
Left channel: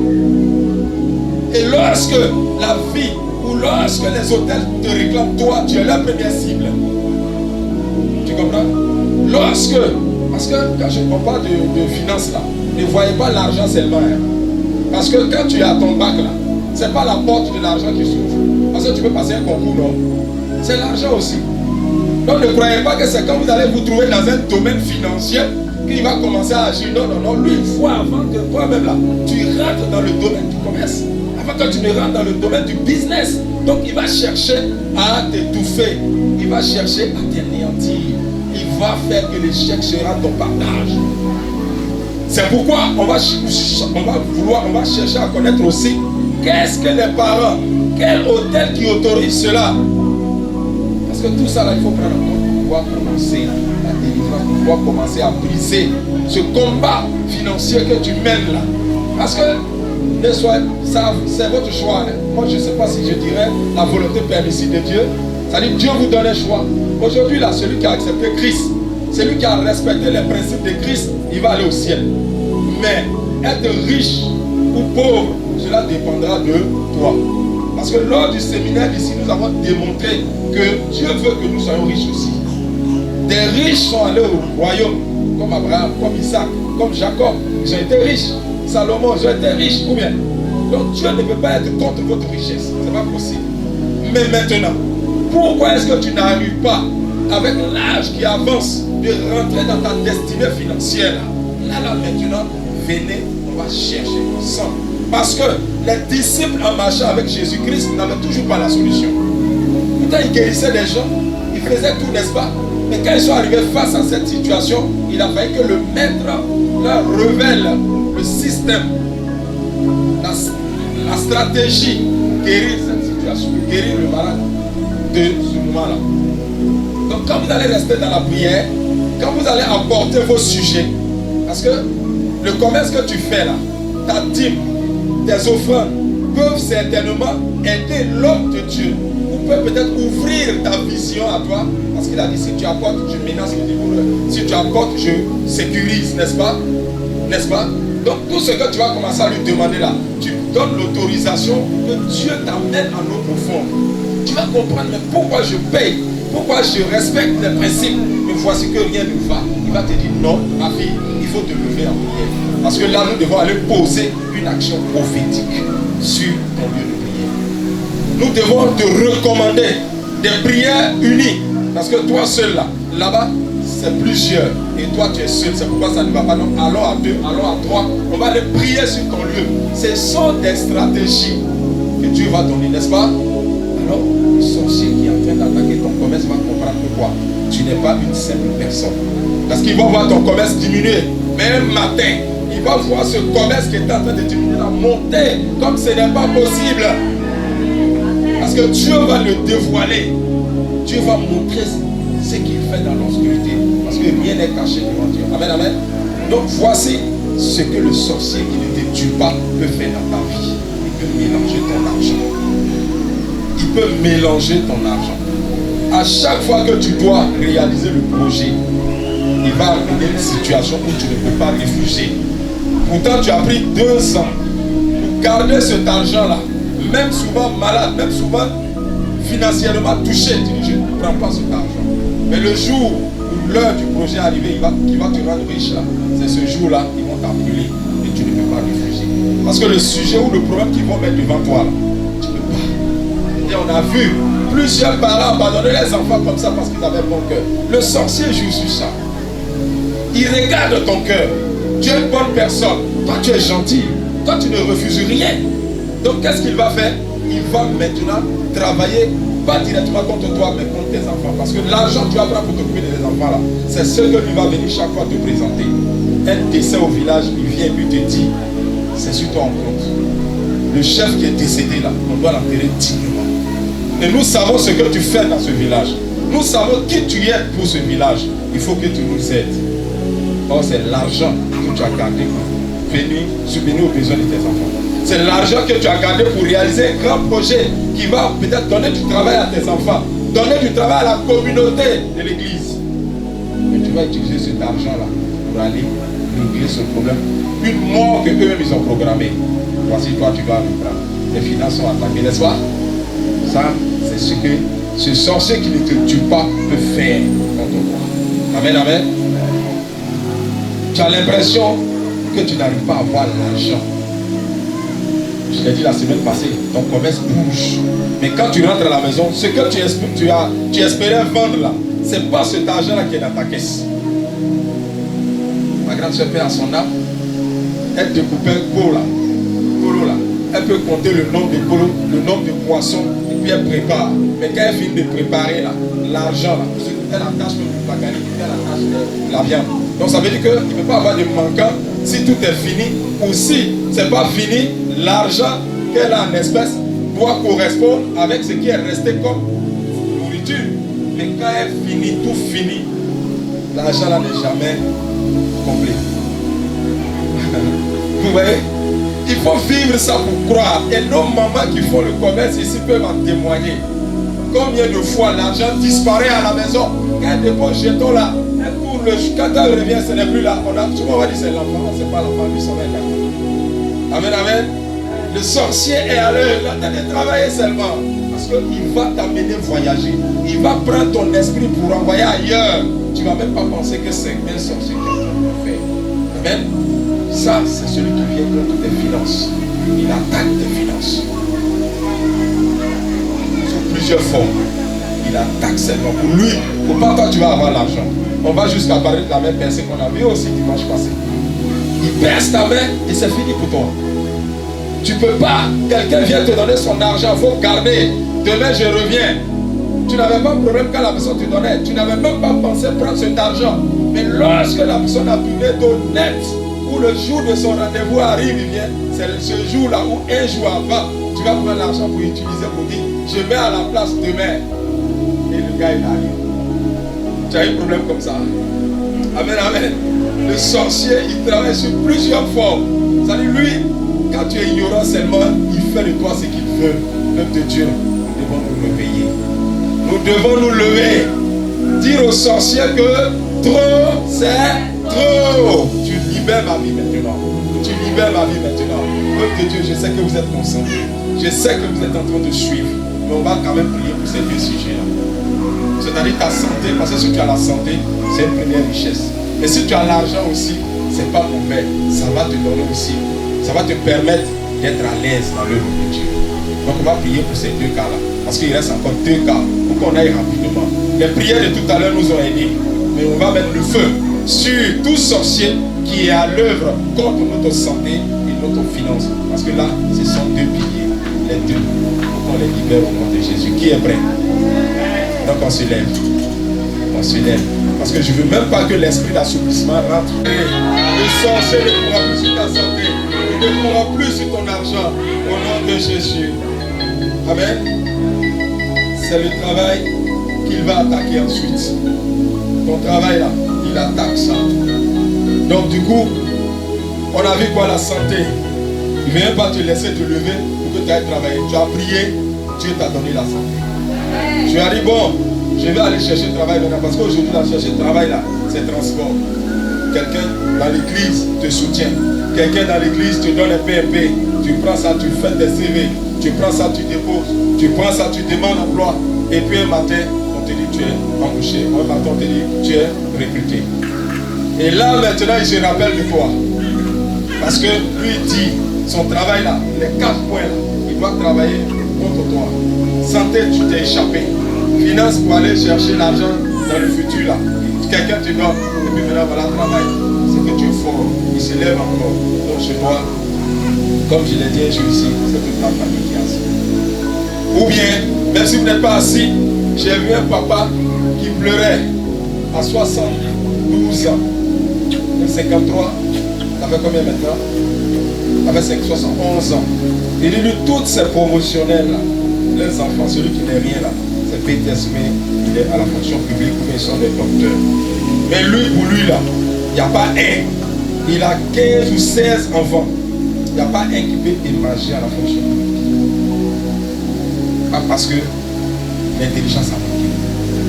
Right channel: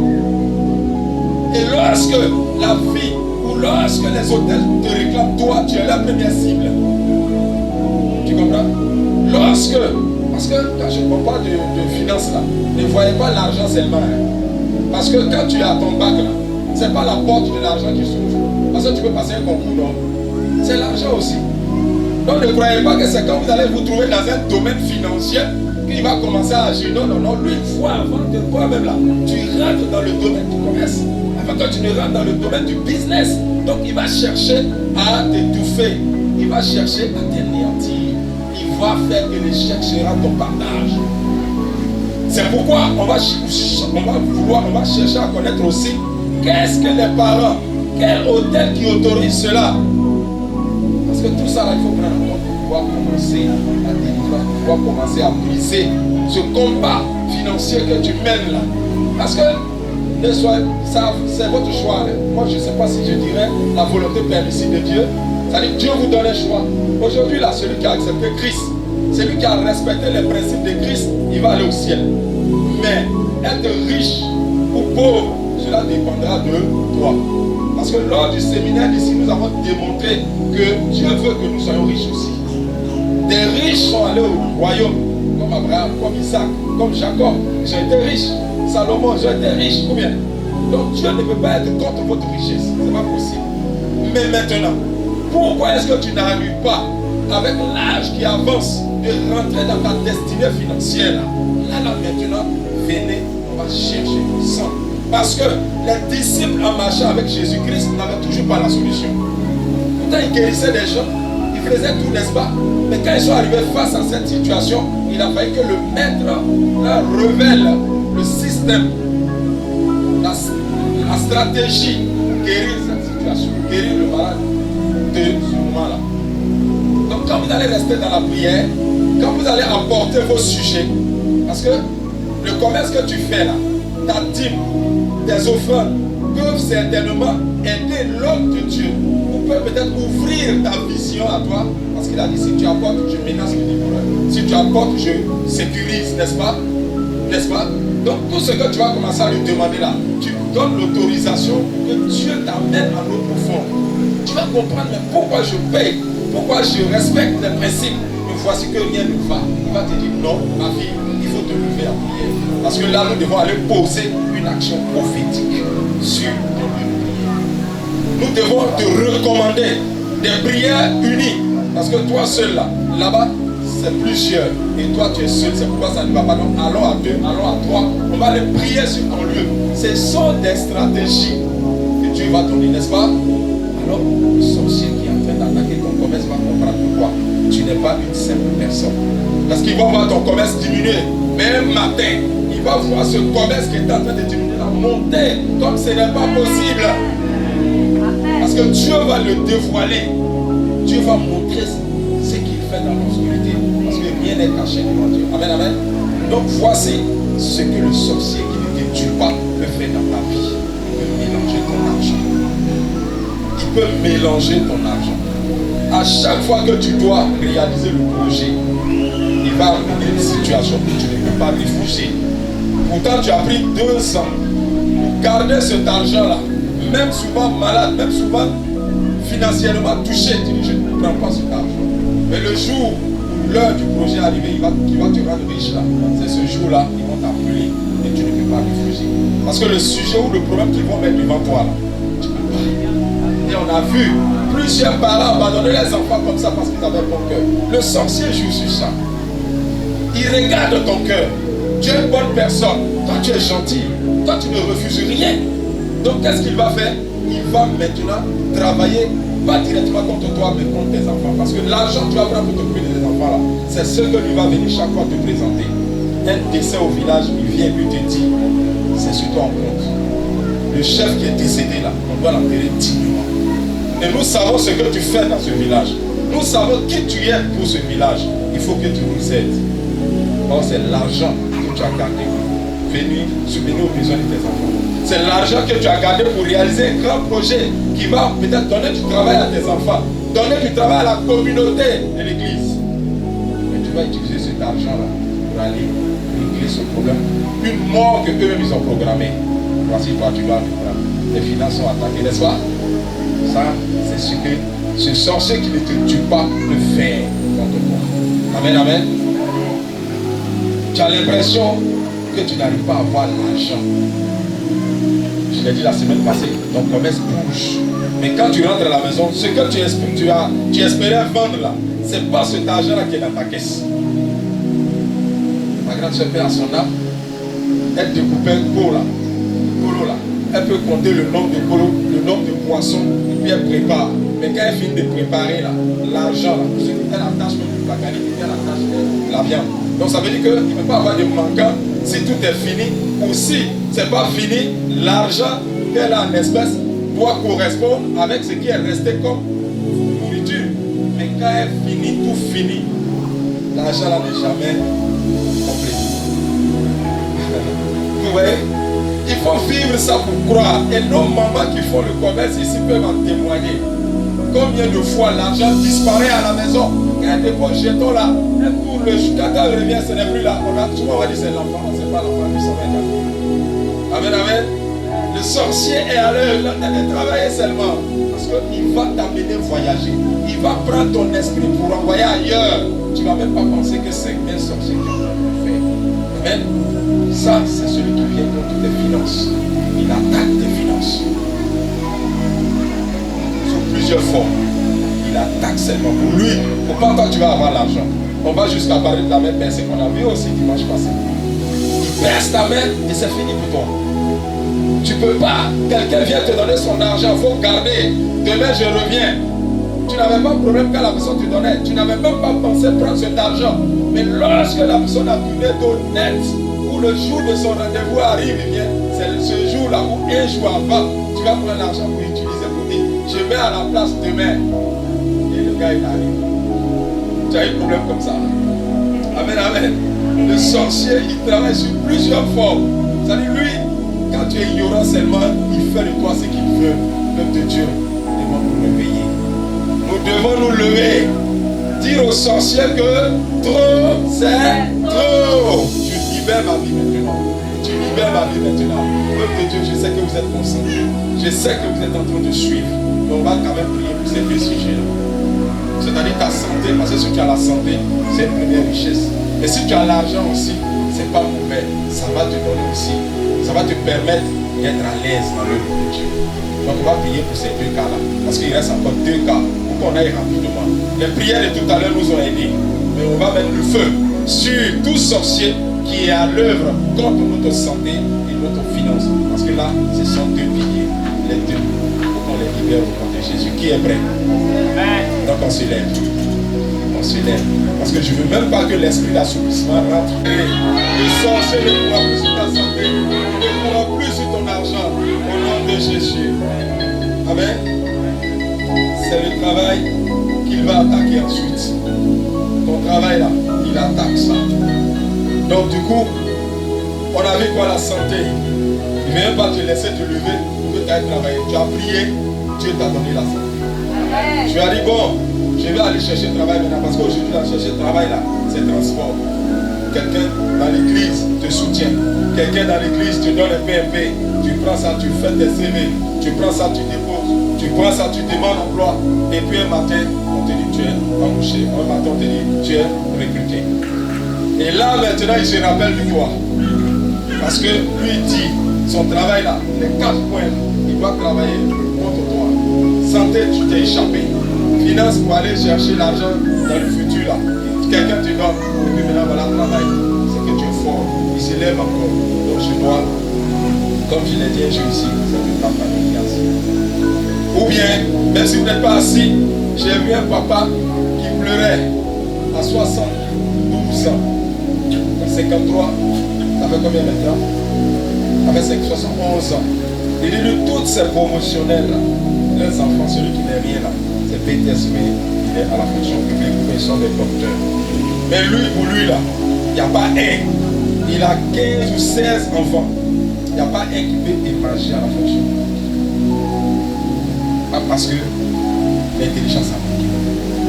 Et lorsque la vie ou lorsque les hôtels te réclament, toi, tu es la première cible. Tu comprends? Lorsque, parce que quand je ne parle pas de finances là, ne voyez pas l'argent seulement. Hein. Parce que quand tu es à ton bac là, ce n'est pas la porte de l'argent qui s'ouvre. Parce que tu peux passer un concours, non? C'est l'argent aussi. Donc ne croyez pas que c'est quand vous allez vous trouver dans un domaine financier qu'il va commencer à agir. Non, non, non. Lui, il faut avant que toi-même là, tu rentres dans le domaine du commerce. Avant que tu ne rentres dans le domaine du business. Donc il va chercher à t'étouffer. Il va chercher à t'anéantir. Il va faire que l'échec sera ton partage. C'est pourquoi on va chercher à connaître aussi qu'est-ce que les parents, quel hôtel qui autorise cela. Parce que tout ça là, il faut prendre en compte pour pouvoir commencer à délivrer, pour pouvoir commencer à briser ce combat financier que tu mènes là. Parce que c'est votre choix. Hein. Moi je ne sais pas si je dirais la volonté permissive de Dieu. C'est-à-dire Dieu vous donne un choix. Aujourd'hui là, celui qui a accepté Christ, celui qui a respecté les principes de Christ, il va aller au ciel. Mais être riche ou pauvre, cela dépendra de toi. Parce que lors du séminaire d'ici, nous avons démontré que Dieu veut que nous soyons riches aussi. Des riches sont allés au royaume, comme Abraham, comme Isaac, comme Jacob. Ils ont été riches. Salomon, ils ont été riches. Combien? Donc Dieu ne peut pas être contre votre richesse. Ce n'est pas possible. Mais maintenant, pourquoi est-ce que tu n'arrives pas, avec l'âge qui avance, de rentrer dans ta destinée financière là maintenant, venez, on va chercher ensemble. Parce que les disciples en marchant avec Jésus-Christ n'avaient toujours pas la solution. Pourtant ils guérissaient des gens, ils faisaient tout, n'est-ce pas? Mais quand ils sont arrivés face à cette situation, il a fallu que le maître leur révèle le système, la stratégie pour guérir cette situation, pour guérir le malade de ce moment-là. Donc quand vous allez rester dans la prière, quand vous allez apporter vos sujets, parce que le commerce que tu fais là, ta dîme, tes offrandes peuvent certainement aider l'homme de Dieu, ou peut peut-être ouvrir ta vision à toi, parce qu'il a dit si tu apportes, je menace le dévoreur, si tu apportes, je sécurise, n'est-ce pas? N'est-ce pas? Donc tout ce que tu vas commencer à lui demander là, tu donnes l'autorisation que Dieu t'amène à l'eau profonde. Tu vas comprendre mais pourquoi je paye, pourquoi je respecte les principes, mais voici que rien ne va. Il va te dire non, ma fille, il faut te lever en prière. Parce que là, nous devons aller poser une action prophétique sur ton lieu de prière. Nous devons te recommander des prières unies. Parce que toi seul là-bas, c'est plusieurs. Et toi, tu es seul. C'est pourquoi ça ne va pas. Donc, allons à deux, allons à trois. On va aller prier sur ton lieu. Ce sont des stratégies que Dieu va donner, n'est-ce pas? Alors, le sorcier qui est en train d'attaquer ton commerce va comprendre pourquoi. Tu n'es pas une simple personne. Parce qu'il va voir ton commerce diminuer. Même matin, il va voir ce commerce qui est en train de diminuer, la monter comme ce n'est pas possible. Parce que Dieu va le dévoiler. Dieu va montrer ce qu'il fait dans l'obscurité. Parce que rien n'est caché devant Dieu. Amen, amen. Donc voici ce que le sorcier qui ne te tue pas peut faire dans ta vie. Il peut mélanger ton argent. Il peut mélanger ton argent. À chaque fois que tu dois réaliser le projet, il va amener une situation où tu ne peux pas refuser. Pourtant, tu as pris 2 ans pour garder cet argent-là. Même souvent malade, même souvent financièrement touché. Tu dis, je ne prends pas cet argent. Mais le jour où l'heure du projet est arrivée, qui va te rendre riche là, c'est ce jour-là qu'ils vont t'appeler et tu ne peux pas refuser. Parce que le sujet ou le problème qu'ils vont mettre devant toi là, tu ne peux pas. Et on a vu plusieurs parents abandonner les enfants comme ça parce qu'ils avaient bon cœur. Le sorcier joue sur ça. Il regarde ton cœur. Tu es une bonne personne. Toi, tu es gentil. Toi, tu ne refuses rien. Donc, qu'est-ce qu'il va faire? Il va maintenant travailler, pas directement contre toi, mais contre tes enfants. Parce que l'argent que tu vas prendre pour t'occuper de tes enfants, là, c'est ce que lui va venir chaque fois te présenter. Un décès au village, il vient et puis te dit, toi en compte. Le chef qui est décédé là, on doit l'enterrer dignement. Et nous savons ce que tu fais dans ce village. Nous savons qui tu es pour ce village. Il faut que tu nous aides. Or, c'est l'argent que tu as gardé pour venir subvenir aux besoins de tes enfants. C'est l'argent que tu as gardé pour réaliser un grand projet qui va peut-être donner du travail à tes enfants, donner du travail à la communauté de l'église. Mais tu vas utiliser cet argent-là pour aller régler ce problème. Une mort que eux-mêmes ils ont programmée. Voici toi, tu vas vivre. Les finances sont attaquées, n'est-ce pas? Ça, c'est ce que ce sorcier qui ne te tue pas peut faire contre toi. Amen, amen. Tu as l'impression que tu n'arrives pas à avoir l'argent. Je l'ai dit la semaine passée, ton commerce bouge. Mais quand tu rentres à la maison, ce que tu espérais vendre là, ce n'est pas cet argent-là qui est dans ta caisse. Ma grande soeur fait à son âme, elle découpe un pot là. Elle peut compter le nombre de polos, le nombre de poissons, et puis elle prépare. Mais quand elle finit de préparer l'argent, elle attache le bagage, elle attache la viande. Donc ça veut dire qu'il ne peut pas avoir de manquant si tout est fini, ou si ce n'est pas fini, l'argent qu'elle a en espèces doit correspondre avec ce qui est resté comme nourriture. Mais quand elle finit, tout fini, l'argent là n'est jamais complet. Vous voyez? Il faut vivre ça pour croire. Et nos mamans qui font le commerce ici peuvent en témoigner. Combien de fois l'argent disparaît à la maison? Quand elle dépose jeton là, elle court quand elle revient, ce n'est plus là. Souvent on va dire c'est l'enfant, non, c'est pas l'enfant, lui ça va être là. Amen, amen. Le sorcier est à l'heure, il est travailler seulement. Parce qu'il va t'amener voyager. Il va prendre ton esprit pour envoyer ailleurs. Tu ne vas même pas penser que c'est un sorcier qui est en train de le faire. Amen. Ça, c'est celui qui vient contre tes finances. Il attaque tes finances. Sous plusieurs formes. Il attaque seulement. Pour lui, pour pas toi, tu vas avoir l'argent. On va jusqu'à parler de la même personne qu'on a vu aussi dimanche passé. Il perce ta main et c'est fini pour toi. Tu peux pas. Quelqu'un vient te donner son argent. Il faut garder. Demain, je reviens. Tu n'avais pas de problème quand la personne te donnait. Tu n'avais même pas pensé prendre cet argent. Mais lorsque la personne a tourné d'honnête, où le jour de son rendez-vous arrive, il vient, c'est ce jour-là où un jour avant, tu vas prendre l'argent pour utiliser pour dire, je mets à la place demain. Et le gars, il arrive. Tu as eu un problème comme ça. Amen, amen. Le sorcier, il travaille sur plusieurs formes. C'est-à-dire, lui, quand tu es ignorant seulement, il fait de toi ce qu'il veut. Peuple de Dieu, nous devons nous réveiller. Nous devons nous lever. Dire au sorcier que trop, c'est trop. Tu libères ma vie maintenant. Tu libères ma vie maintenant. Peuple de Dieu, je sais que vous êtes concentrés. Je sais que vous êtes en train de suivre. Mais on va quand même prier pour ces deux sujets-là. C'est-à-dire ta santé, parce que si tu as la santé, c'est une première richesse. Et si tu as l'argent aussi, c'est pas mauvais. Ça va te donner aussi. Ça va te permettre d'être à l'aise dans l'œuvre de Dieu. Donc on va prier pour ces deux cas-là. Parce qu'il reste encore deux cas pour qu'on aille rapidement. Les prières de tout à l'heure nous ont aidés. Mais on va mettre le feu sur tout sorcier qui est à l'œuvre contre notre santé et notre finance. Parce que là, ce sont deux piliers. Les deux. Pour qu'on les libère au nom de Jésus. Qui est prêt? Donc on se lève. On se lève. Parce que je ne veux même pas que l'esprit d'assouplissement rentre. Le sorcier ne pourra plus sur ta santé. Il ne pourra plus sur ton argent. Au nom de Jésus. Amen. C'est le travail qu'il va attaquer ensuite. Ton travail là, il attaque ça. Donc du coup, on a vu quoi? La santé. Il ne vient pas te laisser te lever pour que tu ailles travailler. Tu as prié, Dieu t'a donné la santé. Tu as dit bon, je vais aller chercher le travail maintenant. Parce qu'aujourd'hui, là, chercher le travail là, c'est transport. Quelqu'un dans l'église te soutient. Quelqu'un dans l'église te donne un PMP. Tu prends ça, tu fais tes CV. Tu prends ça, tu déposes. Tu prends ça, tu demandes emploi. Et puis un matin, on te dit tu es embauché. Un matin, on te dit tu es recruté. Et là, maintenant, il se rappelle de toi. Parce que lui dit, son travail là, les 4 points, il doit travailler contre toi. Santé, tu t'es échappé. Finance pour aller chercher l'argent dans le futur là. Quelqu'un te donne. Et puis maintenant, voilà le travail. C'est que tu es fort. Il se lève encore. Donc je dois, comme je l'ai dit un jour ici, c'est toute la famille qui est assise. Ou bien, même si vous n'êtes pas assis, j'ai vu un papa qui pleurait à 72 ans. 53, ça fait combien maintenant? avait 71 ans. Il dit, lui, toutes ces promotionnels là, les enfants, celui qui n'est rien là, c'est BTSM, il est à la fonction publique, ou ils sont des docteurs. Mais lui, pour lui là, il n'y a pas un. Il a 15 ou 16 enfants. Il n'y a pas un qui peut émerger à la fonction. Pas parce que l'intelligence a manqué.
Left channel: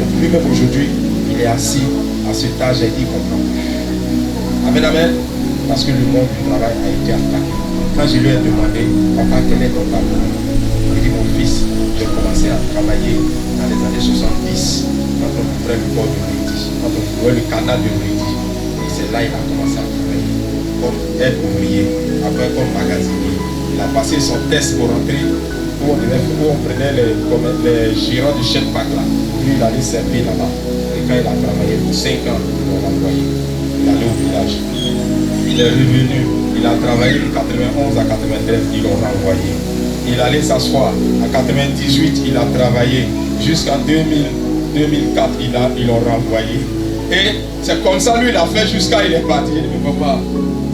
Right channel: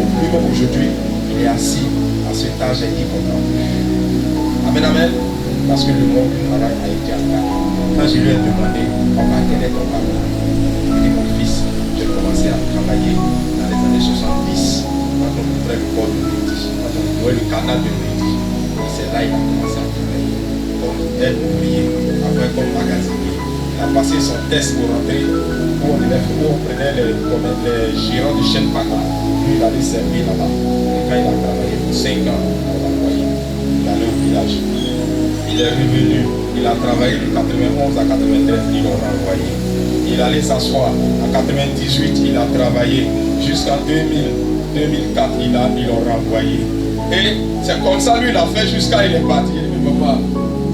Donc lui-même aujourd'hui, il est assis à cet âge et il comprend plus. Amen, amen. Parce que le monde du travail a été attaqué. Quand je lui ai demandé, papa, quel est ton parcours? Il dit, mon fils, j'ai commencé à travailler dans les années 70, quand on ouvrait le port de Midi, quand on ouvrait le canal de Midi. Et c'est là qu'il a commencé à travailler. Comme aide ouvrier, après comme magasinier. Il a passé son test pour rentrer où on prenait les gérants du chef pack là. Lui, il allait servir là-bas. Et quand il a travaillé pour 5 ans, on l'a envoyé. Il allait au village. Il est revenu. Il a travaillé de 91 à 93, ils l'ont renvoyé. Il allait s'asseoir. En 98, il a travaillé. Jusqu'en 2004, ils l'ont renvoyé. Et c'est comme ça, lui, il a fait jusqu'à il est parti. Il dit, mais papa,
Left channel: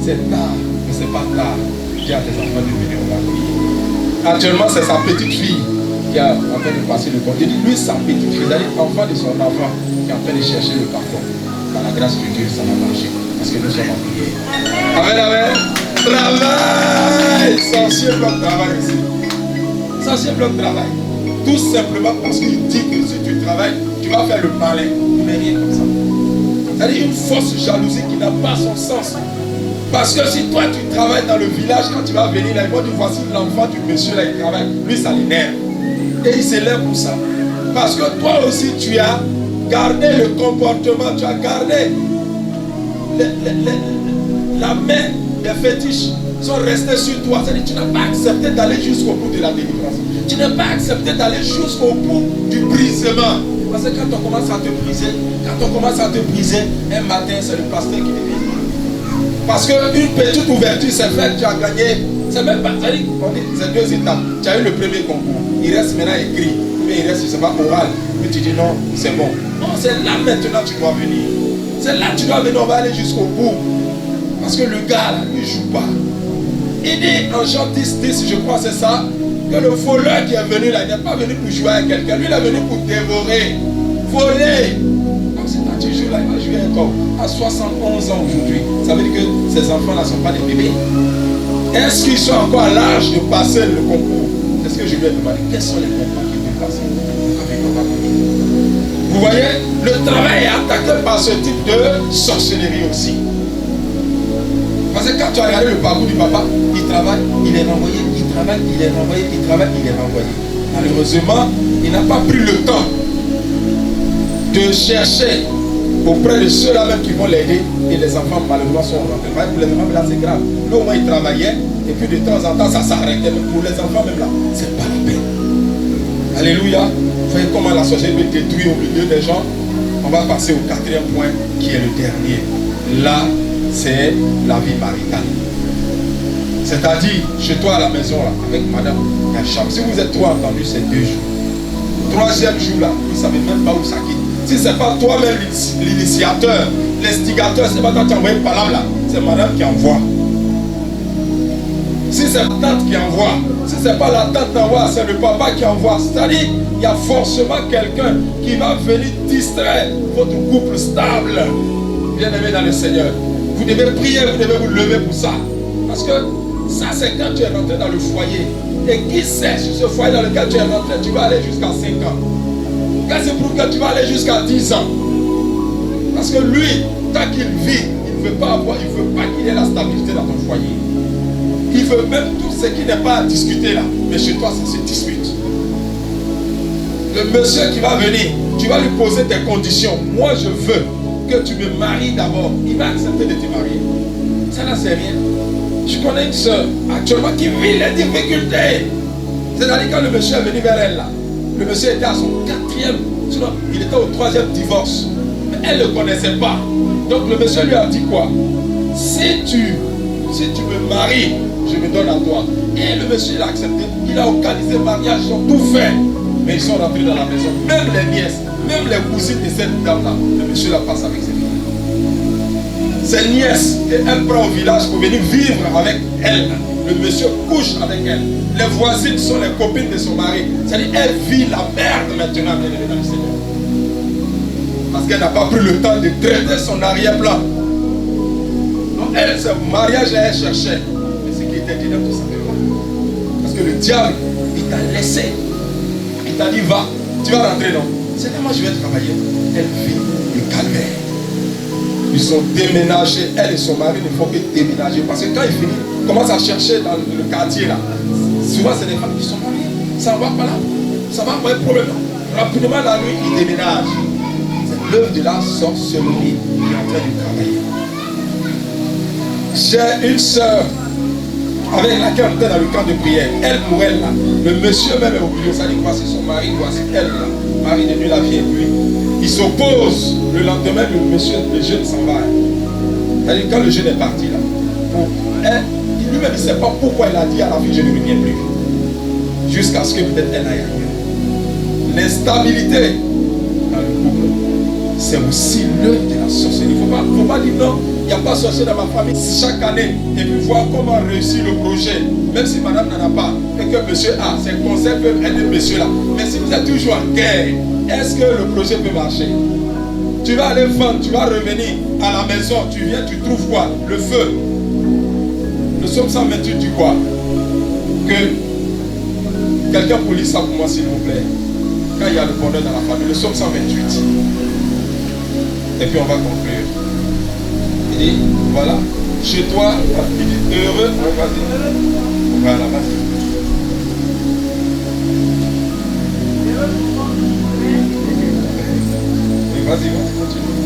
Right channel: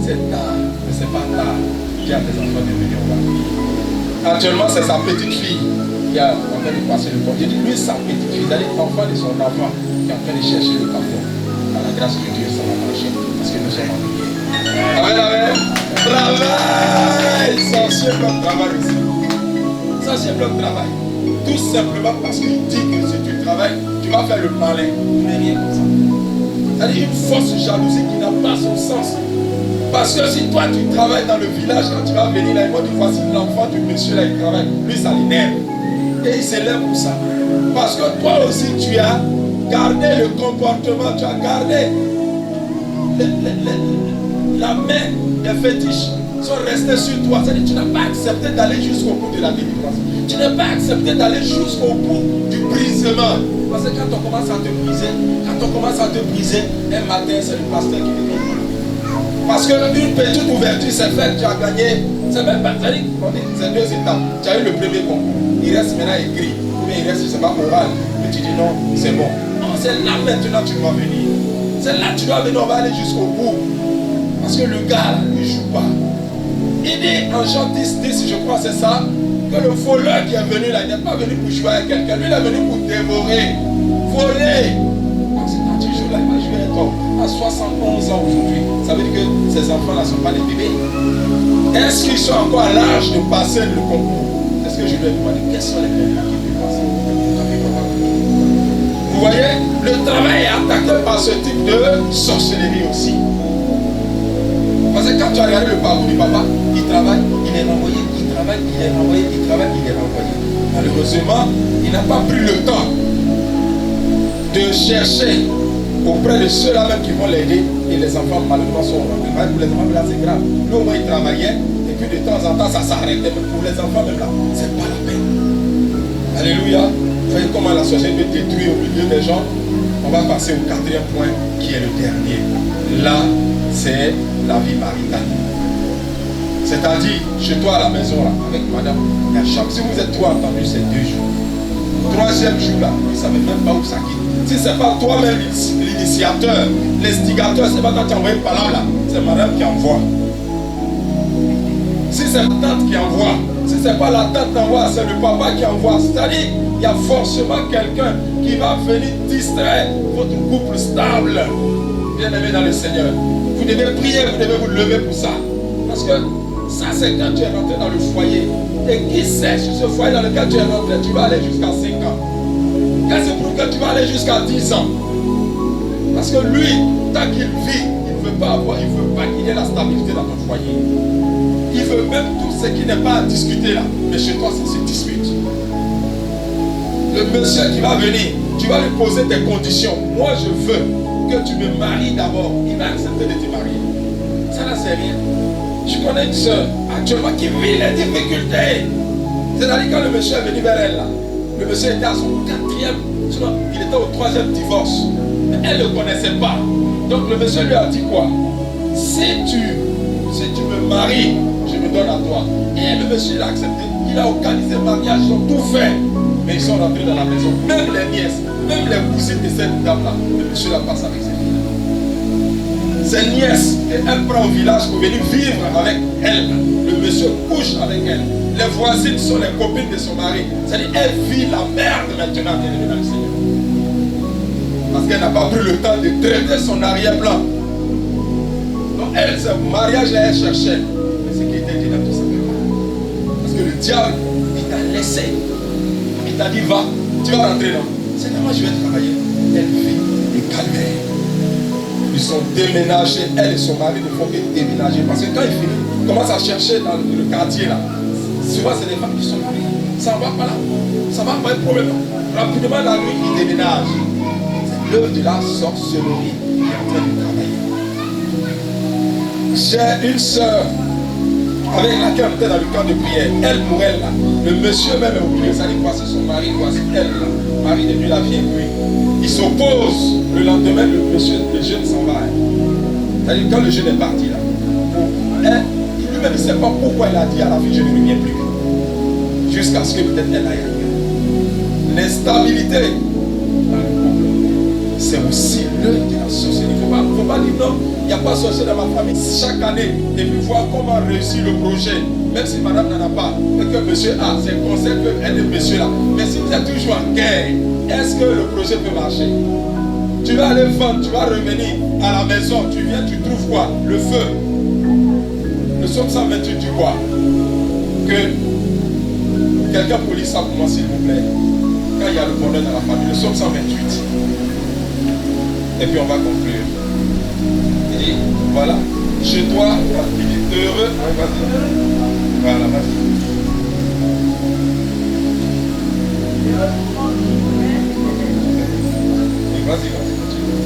c'est tard, mais c'est pas tard. J'ai à tes enfants de venir au mariage. Actuellement, c'est sa petite fille qui est en train de passer le compte. Il dit, lui, sa petite fille, c'est-à-dire l'enfant de son enfant qui est en train de chercher le carton. Par la grâce de Dieu, ça va marcher. Parce que nous sommes en prière. Amen, amen. Travail. Sorcier bloc travail ici. Sorcier bloc travail. Tout simplement parce qu'il dit que si tu travailles, tu vas faire le malin. Mais rien comme ça. C'est-à-dire une fausse jalousie qui n'a pas son sens. Parce que si toi tu travailles dans le village, quand tu vas venir là, ils vont dire voici l'enfant du monsieur là, il travaille. Lui, ça l'énerve. Et il s'élève pour ça. Parce que toi aussi tu as gardé le comportement, tu as gardé la main des fétiches sont restés sur toi. C'est-à-dire tu n'as pas accepté d'aller jusqu'au bout de la délivrance. Tu n'as pas accepté d'aller jusqu'au bout du brisement. Parce que quand on commence à te briser, un matin c'est le pasteur qui te vient. Parce qu'une petite ouverture s'est faite, tu as gagné. C'est même pas, c'est-à-dire, on dit c'est 2 étapes. Tu as eu le premier concours, il reste maintenant écrit, ou bien il reste, je ne sais pas, oral. Mais tu dis non, c'est bon. Non, c'est là maintenant que tu dois venir. C'est là que tu dois venir, on va aller jusqu'au bout. Parce que le gars là, il ne joue pas. Il dit en Jean 10, je crois c'est ça, que le voleur qui est venu là, il n'est pas venu pour jouer avec quelqu'un, lui il est venu pour dévorer, voler. Donc si toi tu joues là, il va jouer avec toi. À 71 ans aujourd'hui, ça veut dire que ces enfants-là ne sont pas des bébés. Est-ce qu'ils sont encore à l'âge de passer le concours? Est-ce que je lui ai demandé quels sont les concours qu'ils peuvent passer? Vous voyez, le travail est attaqué par ce type de sorcellerie aussi. Parce que quand tu as regardé le parcours du papa, il travaille, il est renvoyé, il travaille, il est renvoyé, il travaille, il est renvoyé. Malheureusement, il n'a pas pris le temps de chercher auprès de ceux-là même qui vont l'aider, et les enfants malheureusement sont rentrés. Pour les enfants là c'est grave. Lui au moins il travaillait et puis de temps en temps ça s'arrêtait. Mais pour les enfants même là, c'est pas la peine. Alléluia. Vous voyez comment la société peut détruire au milieu des gens. On va passer au 4e point qui est le dernier. Là, c'est la vie maritale. C'est-à-dire, chez toi à la maison là, avec madame, il y a chambre. Si vous êtes trop entendu, c'est 2 jours. 3e jour là, vous ne savez même pas où ça quitte. Si ce n'est pas toi-même l'initiateur, l'instigateur, ce n'est pas toi qui as envoyé par là, c'est madame qui envoie. Si c'est la tante qui envoie, si ce n'est pas la tante qui envoie, c'est le papa qui envoie. C'est-à-dire, il y a forcément quelqu'un qui va venir distraire votre couple stable. Bien-aimé dans le Seigneur. Vous devez prier, vous devez vous lever pour ça. Parce que ça, c'est quand tu es rentré dans le foyer. Et qui sait, sur ce foyer dans lequel tu es rentré, tu vas aller jusqu'à 5 ans. Quand c'est pour que tu vas aller jusqu'à 10 ans. Parce que lui, tant qu'il vit, il ne veut pas qu'il y ait la stabilité dans ton foyer. Il veut même tout ce qui n'est pas à discuter là. Mais chez toi, ça se dispute. Le monsieur qui va venir, tu vas lui poser des conditions. Moi, je veux que tu me maries d'abord. Il va accepter de te marier. Ça là, c'est rien. Je connais une soeur actuellement qui vit les difficultés. C'est-à-dire quand le monsieur est venu vers elle là, le monsieur était à son 4e, il était au 3e divorce. Mais elle ne le connaissait pas. Donc le monsieur lui a dit quoi? Si tu me maries, je me donne à toi. Et le monsieur l'a accepté. Il a organisé le mariage, ils ont tout fait. Mais ils sont rentrés dans la maison. Même les nièces, même les cousines de cette dame-là, le monsieur la passe avec ses filles. Ses nièces, et elle prend au village pour venir vivre avec elle. le monsieur couche avec elle. Les voisines sont les copines de son mari. C'est-à-dire, elle vit la merde maintenant, elle est dans le Seigneur. Parce qu'elle n'a pas pris le temps de traiter son arrière-plan. Donc elle, ce mariage, elle cherchait. Mais ce qui était dit là, tout simplement. Parce que le diable, il t'a laissé. Il t'a dit, va, tu vas rentrer, non. C'est moi, je vais travailler. Elle vit le calvaire. Ils sont déménagés. Elle et son mari ne font que déménager. Parce que quand ils finissent, ils commencent à chercher dans le quartier là. Souvent, c'est des femmes qui sont mariées. Ça va pas là. Ça va pas être problème. Rapidement, la nuit, ils déménagent. C'est l'œuvre de la sorcellerie qui est en train de travailler. J'ai une soeur avec laquelle on était dans le camp de prière. Elle pour elle là. Le monsieur même est oublié. Ça dit, voici son mari, voici elle là. Mari de nuit, la vie et puis. Il s'oppose. Le lendemain, le jeune s'en va. C'est-à-dire, quand le jeune est parti là, lui-même ne sait pas pourquoi elle a dit à la fille, je ne reviens plus. Jusqu'à ce que peut-être elle aille ailleurs. L'instabilité dans le couple, c'est aussi l'œuvre de la sorcellerie. Il ne faut pas dire non, il n'y a pas de sorcier dans ma famille. Chaque année, et puis voir comment réussir le projet. Même si madame n'en a pas, et que monsieur a, c'est le conseil peut aider monsieur là. Mais si vous êtes toujours en guerre, est-ce que le projet peut marcher? Tu vas aller vendre, tu vas revenir à la maison, tu viens, tu trouves quoi? Le feu. Le psaume 128 dit quoi? Que quelqu'un pour lire ça pour moi s'il vous plaît. Quand il y a le bonheur dans la famille, le psaume 128. Et puis on va conclure. Il dit, voilà, chez toi, il dit heureux, vas-y. Voilà, vas-y. Vas-y, continue.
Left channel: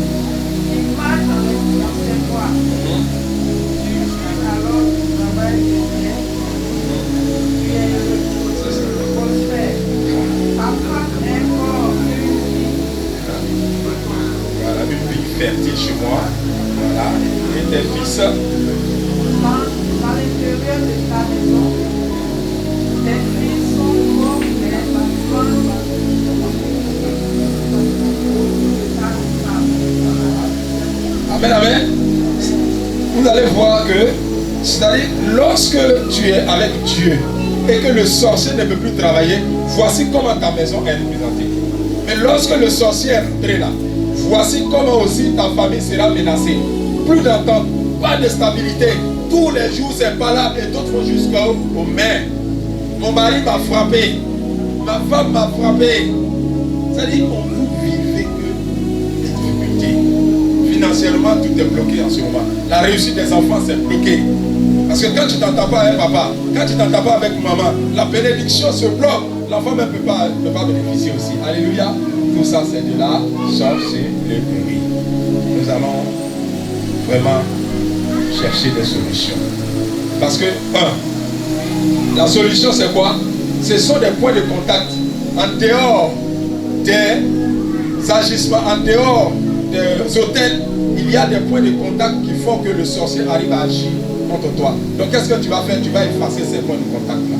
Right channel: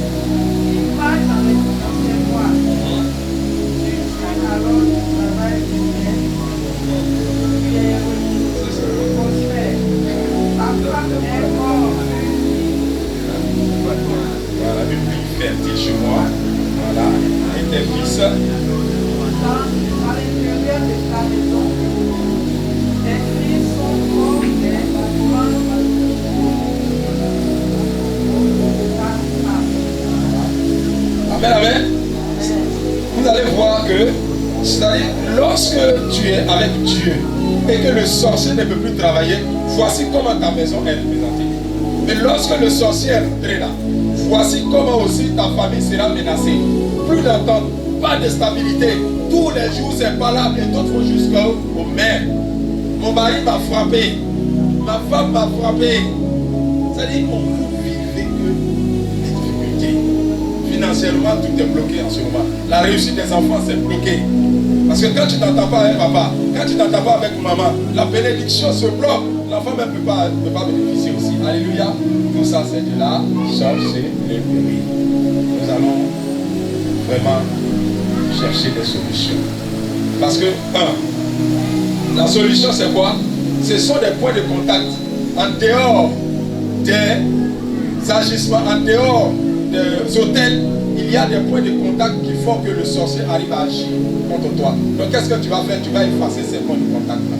Il marche dans ses voies. Alors, tu travailles bien. Tu es prospère. Ta femme est mort. Voilà, une vie fertile chez moi. Voilà. Et tes fils. À l'intérieur de ta maison, tes fils sont comme des plantes. Amen, amen. Vous allez voir que, c'est-à-dire, lorsque tu es avec Dieu et que le sorcier ne peut plus travailler, voici comment ta maison est représentée. Mais lorsque le sorcier est rentré là, voici comment aussi ta famille sera menacée. Plus d'entente, pas de stabilité. Tous les jours, c'est pas là et d'autres vont jusqu'au maire. Mon mari m'a frappé. Ma femme m'a frappé. C'est-à-dire, on vous vivez que les difficultés. Financièrement, tout est bloqué en ce moment. La réussite des enfants, c'est bloqué. Parce que quand tu t'entends pas avec papa, quand tu t'entends pas avec maman, la bénédiction se bloque. L'enfant ne peut pas bénéficier aussi. Alléluia. Tout ça, c'est de la sorcellerie. Nous allons vraiment chercher des solutions. Parce que, la solution, c'est quoi? Ce sont des points de contact en dehors des agissements, en dehors des hôtels. Il y a des points de contact qui font que le sorcier arrive à agir contre toi. Donc qu'est-ce que tu vas faire? Tu vas effacer ces points de contact-là.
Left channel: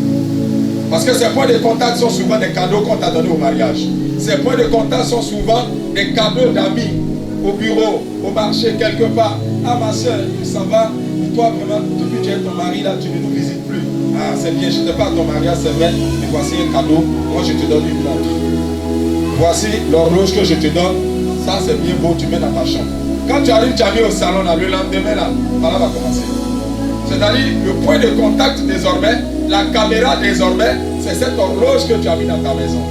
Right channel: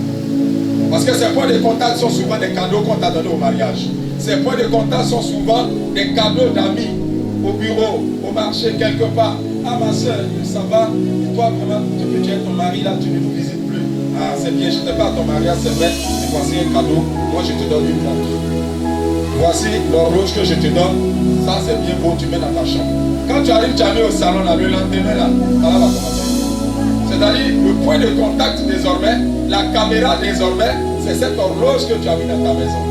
Parce que ces points de contact sont souvent des cadeaux qu'on t'a donnés au mariage. Ces points de contact sont souvent des cadeaux d'amis, au bureau, au marché, quelque part. Ah ma soeur, ça va? Et toi vraiment, depuis que tu es ton mari là, tu ne nous visites plus. Ah c'est bien, je n'étais pas à ton mariage, c'est vrai. Mais voici un cadeau, moi je te donne une montre. Voici l'horloge que je te donne. Ça c'est bien beau, tu mets dans ta chambre. Quand tu arrives, tu as mis au salon là, le lendemain là, voilà va commencer. C'est-à-dire le point de contact désormais, la caméra désormais, c'est cette horloge que tu as mis dans ta maison.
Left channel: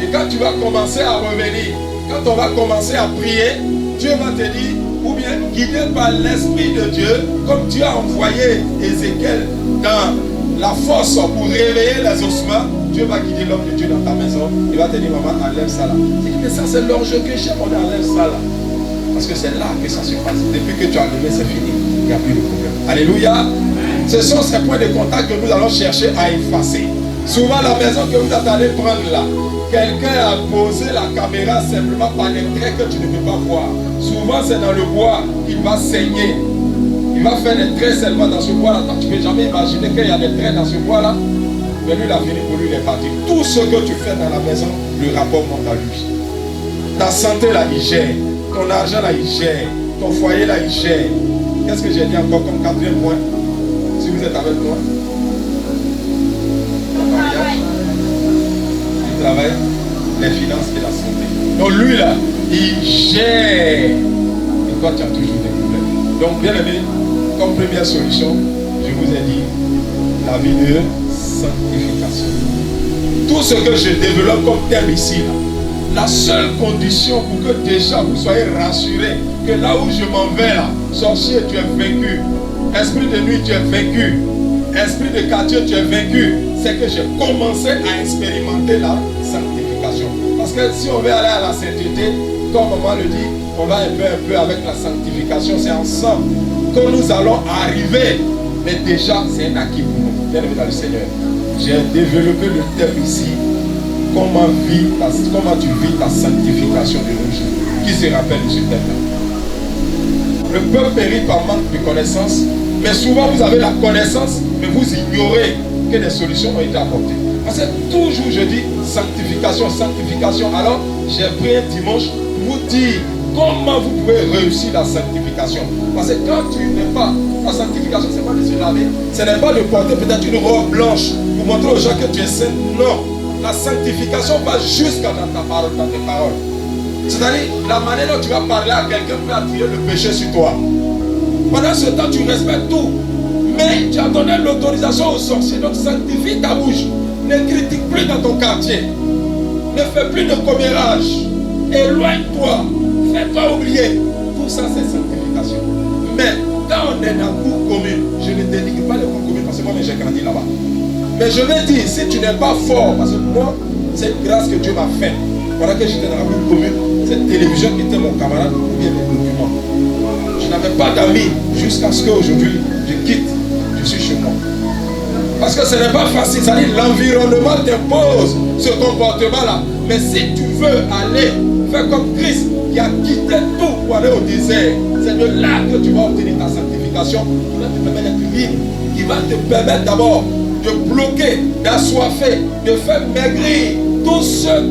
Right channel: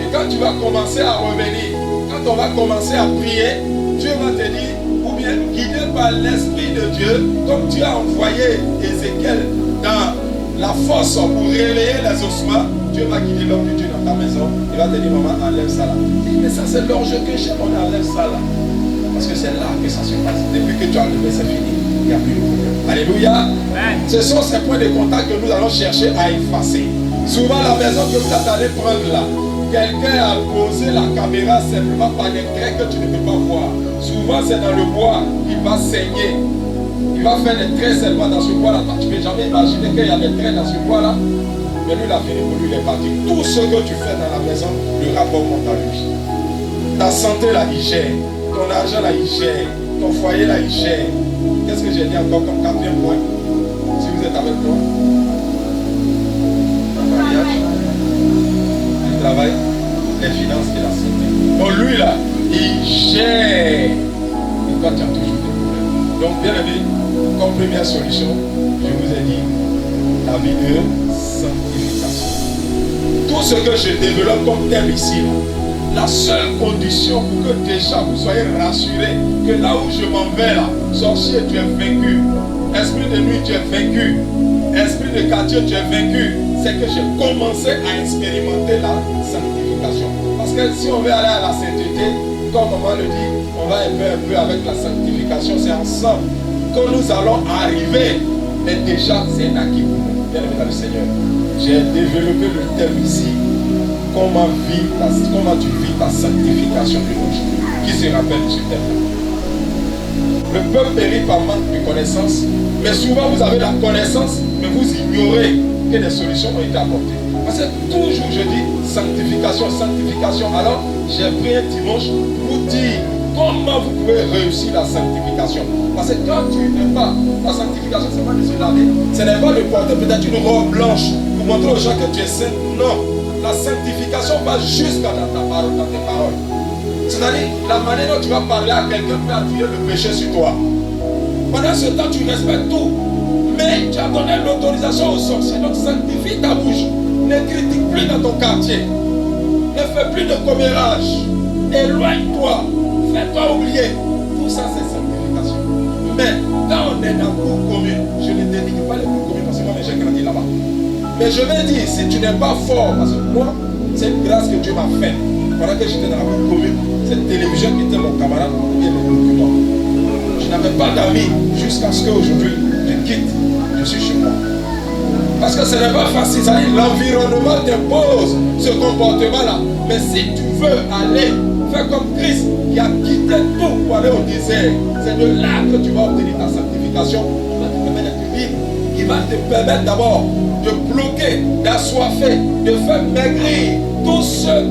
Et quand tu vas commencer à revenir, quand on va commencer à prier, Dieu va te dire, ou bien guidé par l'Esprit de Dieu, comme Dieu a envoyé Ézéchiel dans la fosse pour réveiller les ossements, Dieu va guider l'homme de Dieu dans ta maison. Il va te dire, maman, enlève ça là. Tu dis, mais ça c'est l'enjeu que j'aime, on enlève ça là. Parce que c'est là que ça se passe. Depuis que tu as enlevé, c'est fini. Il n'y a plus de problème. Alléluia. Ce sont ces points de contact que nous allons chercher à effacer. Souvent, la maison que vous allez prendre là, quelqu'un a posé la caméra simplement par des traits que tu ne peux pas voir. Souvent, c'est dans le bois qu'il va saigner. Il va faire des traits seulement dans ce bois-là. Toi, tu ne peux jamais imaginer qu'il y a des traits dans ce bois-là. Mais lui, il a fini pour lui, il est parti. Tout ce que tu fais dans la maison, le rapport monte à lui. Ta santé, là, il gère. Ton argent, là, il gère. Ton foyer, là, il gère. Qu'est-ce que j'ai dit encore comme quatrième point? Si vous vous êtes avec moi? Le mariage, le travail, les finances et la santé. Donc lui là, il gère. Et toi, tu as toujours des problèmes. Donc bien aimé, comme première solution, je vous ai dit la vie de sanctification. Tout ce que je développe comme thème ici, là, la seule condition pour que déjà vous soyez rassurés que là où je m'en vais là, sorcier, tu es vaincu. Esprit de nuit, tu es vaincu. Esprit de quartier, tu es vaincu. C'est que j'ai commencé à expérimenter la sanctification. Parce que si on veut aller à la sainteté, comme maman le dit, on va un peu avec la sanctification. C'est ensemble que nous allons arriver. Mais déjà, c'est un acquis pour nous. Bien aimé dans le Seigneur. J'ai développé le thème ici. Comment tu vis ta sanctification de nos jours? Qui se rappelle de ce thème-là? Le peuple périt par manque de connaissance. Mais souvent, vous avez la connaissance, mais vous ignorez que des solutions ont été apportées. Parce que toujours je dis sanctification, sanctification. Alors, j'ai pris un dimanche pour vous dire comment vous pouvez réussir la sanctification. Parce que quand tu n'es pas, la sanctification, ce n'est pas de se laver, ce n'est pas de porter peut-être une robe blanche pour montrer aux gens que tu es saint. Non, la sanctification va jusqu'à dans ta parole, dans tes paroles. C'est-à-dire, la manière dont tu vas parler à quelqu'un peut attirer le péché sur toi. Pendant ce temps, tu respectes tout. Mais tu as donné l'autorisation aux sorciers. Donc sanctifie ta bouche. Ne critique plus dans ton quartier. Ne fais plus de commérage. Éloigne-toi. Fais-toi oublier. Tout ça, c'est sanctification. Mais quand on est dans la cour commune, je ne dénigre pas les cours communes parce que moi, j'ai grandi là-bas. Mais je vais dire, si tu n'es pas fort, parce que moi, c'est une grâce que Dieu m'a faite. Pendant que j'étais dans la cour commune, cette télévision qui était mon camarade, ou bien les documents. Je n'avais pas d'amis jusqu'à ce qu'aujourd'hui, je quitte, je suis chez moi. Parce que ce n'est pas facile, c'est-à-dire l'environnement t'impose ce comportement-là. Mais si tu veux aller faire comme Christ qui a quitté tout pour aller au désert, c'est de là que tu vas obtenir ta sanctification, qui va te permettre d'être libre, qui va te permettre d'abord de bloquer, d'assoiffer, de faire maigrir tous ceux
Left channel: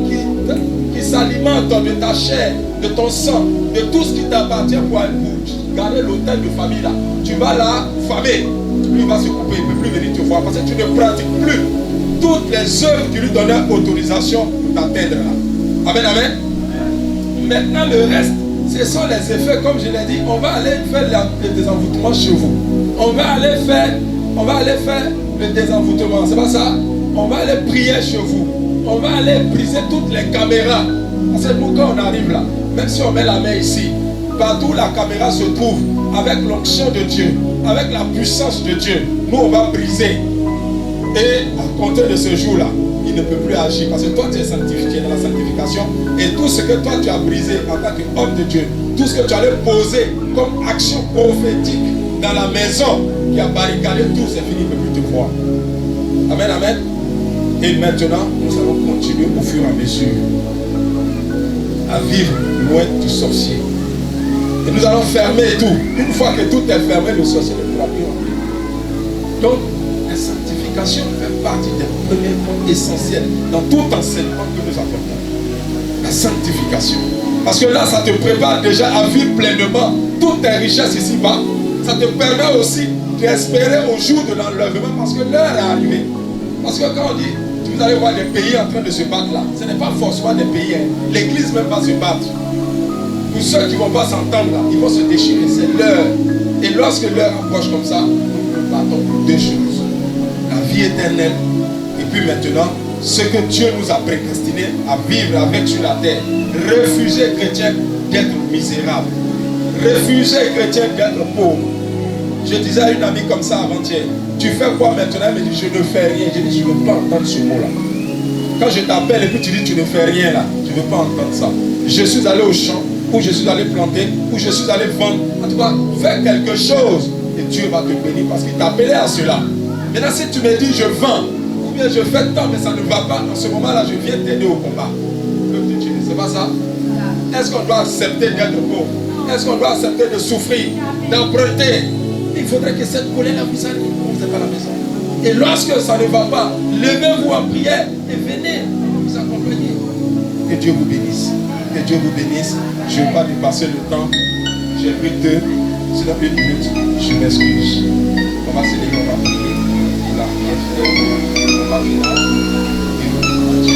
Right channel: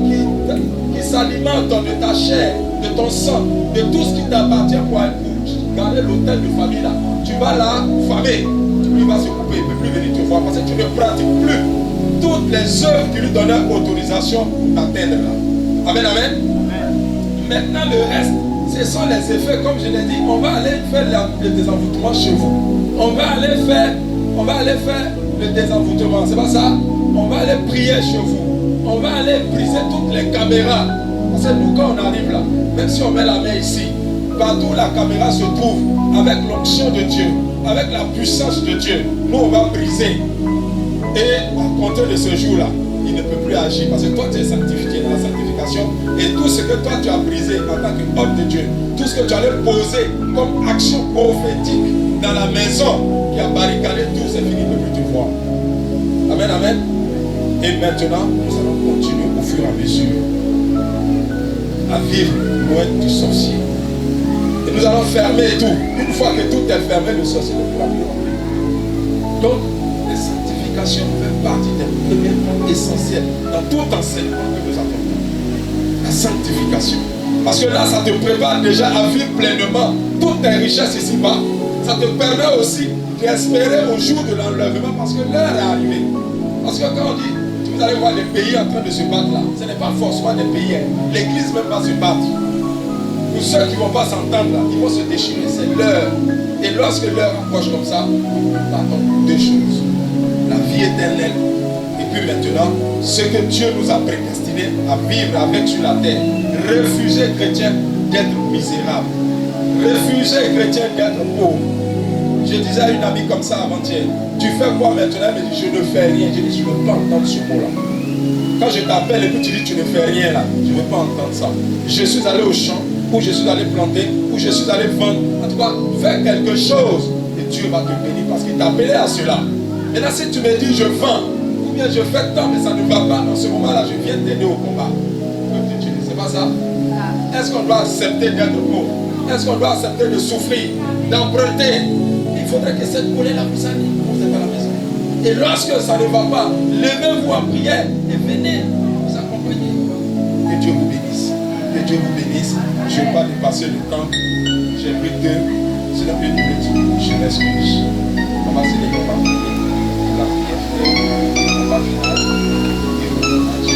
qui s'alimentent de ta chair, de ton sang, de tout ce qui t'appartient pour garder l'hôtel de famille là. Tu vas là, famé. Lui va se couper, il ne peut plus venir te voir parce que tu ne pratiques plus toutes les œuvres qui lui donnaient autorisation pour t'atteindre là. Amen, amen. Maintenant le reste, ce sont les effets, comme je l'ai dit, on va aller faire le désenvoûtement chez vous. On va aller faire le désenvoûtement, c'est pas ça? On va aller prier chez vous. On va aller briser toutes les caméras. Parce que nous quand on arrive là, même si on met la main ici, partout où la caméra se trouve, avec l'onction de Dieu, avec la puissance de Dieu, nous on va briser. Et à compter de ce jour-là, il ne peut plus agir parce que toi tu es sanctifié dans la sanctification et tout ce que toi tu as brisé en tant qu'homme de Dieu, tout ce que tu allais poser comme action prophétique dans la maison qui a barricadé tout, c'est fini, il ne peut plus te voir. Amen, amen. Et maintenant, nous allons continuer au fur et à mesure à vivre loin du sorcier. Et nous allons fermer tout. Une fois que tout est fermé, le sorcier ne pourra plus rentrer. Donc, la sanctification fait partie des premiers points essentiels dans tout enseignement que nous apportons. La sanctification. Parce que là, ça te prépare déjà à vivre pleinement toutes tes richesses ici-bas. Ça te permet aussi d'espérer au jour de l'enlèvement parce que l'heure est arrivée. Parce que quand on dit, vous allez voir les pays en train de se battre là, ce n'est pas forcément des pays. L'église même va se battre. Pour ceux qui ne vont pas s'entendre là, ils vont se déchirer, c'est l'heure. Et lorsque l'heure approche comme ça, nous battons deux choses. La vie éternelle et puis maintenant, ce que Dieu nous a prédestiné à vivre avec sur la terre. Refuser chrétien d'être misérable. Refuser chrétien d'être pauvre. Je disais à une amie comme ça avant-hier, tu fais quoi maintenant? Elle me dit, je ne fais rien. Je dis, je ne veux pas entendre ce mot-là. Quand je t'appelle et puis tu dis, tu ne fais rien là, je ne veux pas entendre ça. Je suis allé au champ, ou je suis allé planter, ou je suis allé vendre. En tout cas, fais quelque chose et Dieu va te bénir parce qu'il t'a appelé à cela. Maintenant, si tu me dis, je vends, ou bien je fais tant, mais ça ne va pas, en ce moment-là, je viens t'aider au combat. C'est pas ça? Est-ce qu'on doit accepter d'être pauvre? Est-ce qu'on doit accepter de souffrir, d'emprunter? Il faudrait que cette colère puisse aller. Vous n'êtes pas à la maison. Et lorsque ça ne va pas, levez-vous en prière et venez vous accompagner. Que Dieu vous bénisse. Que Dieu vous bénisse. Je ne vais pas dépasser le temps. J'ai pris 2. C'est la plus minute. Je m'excuse. On va se lever. voisinage.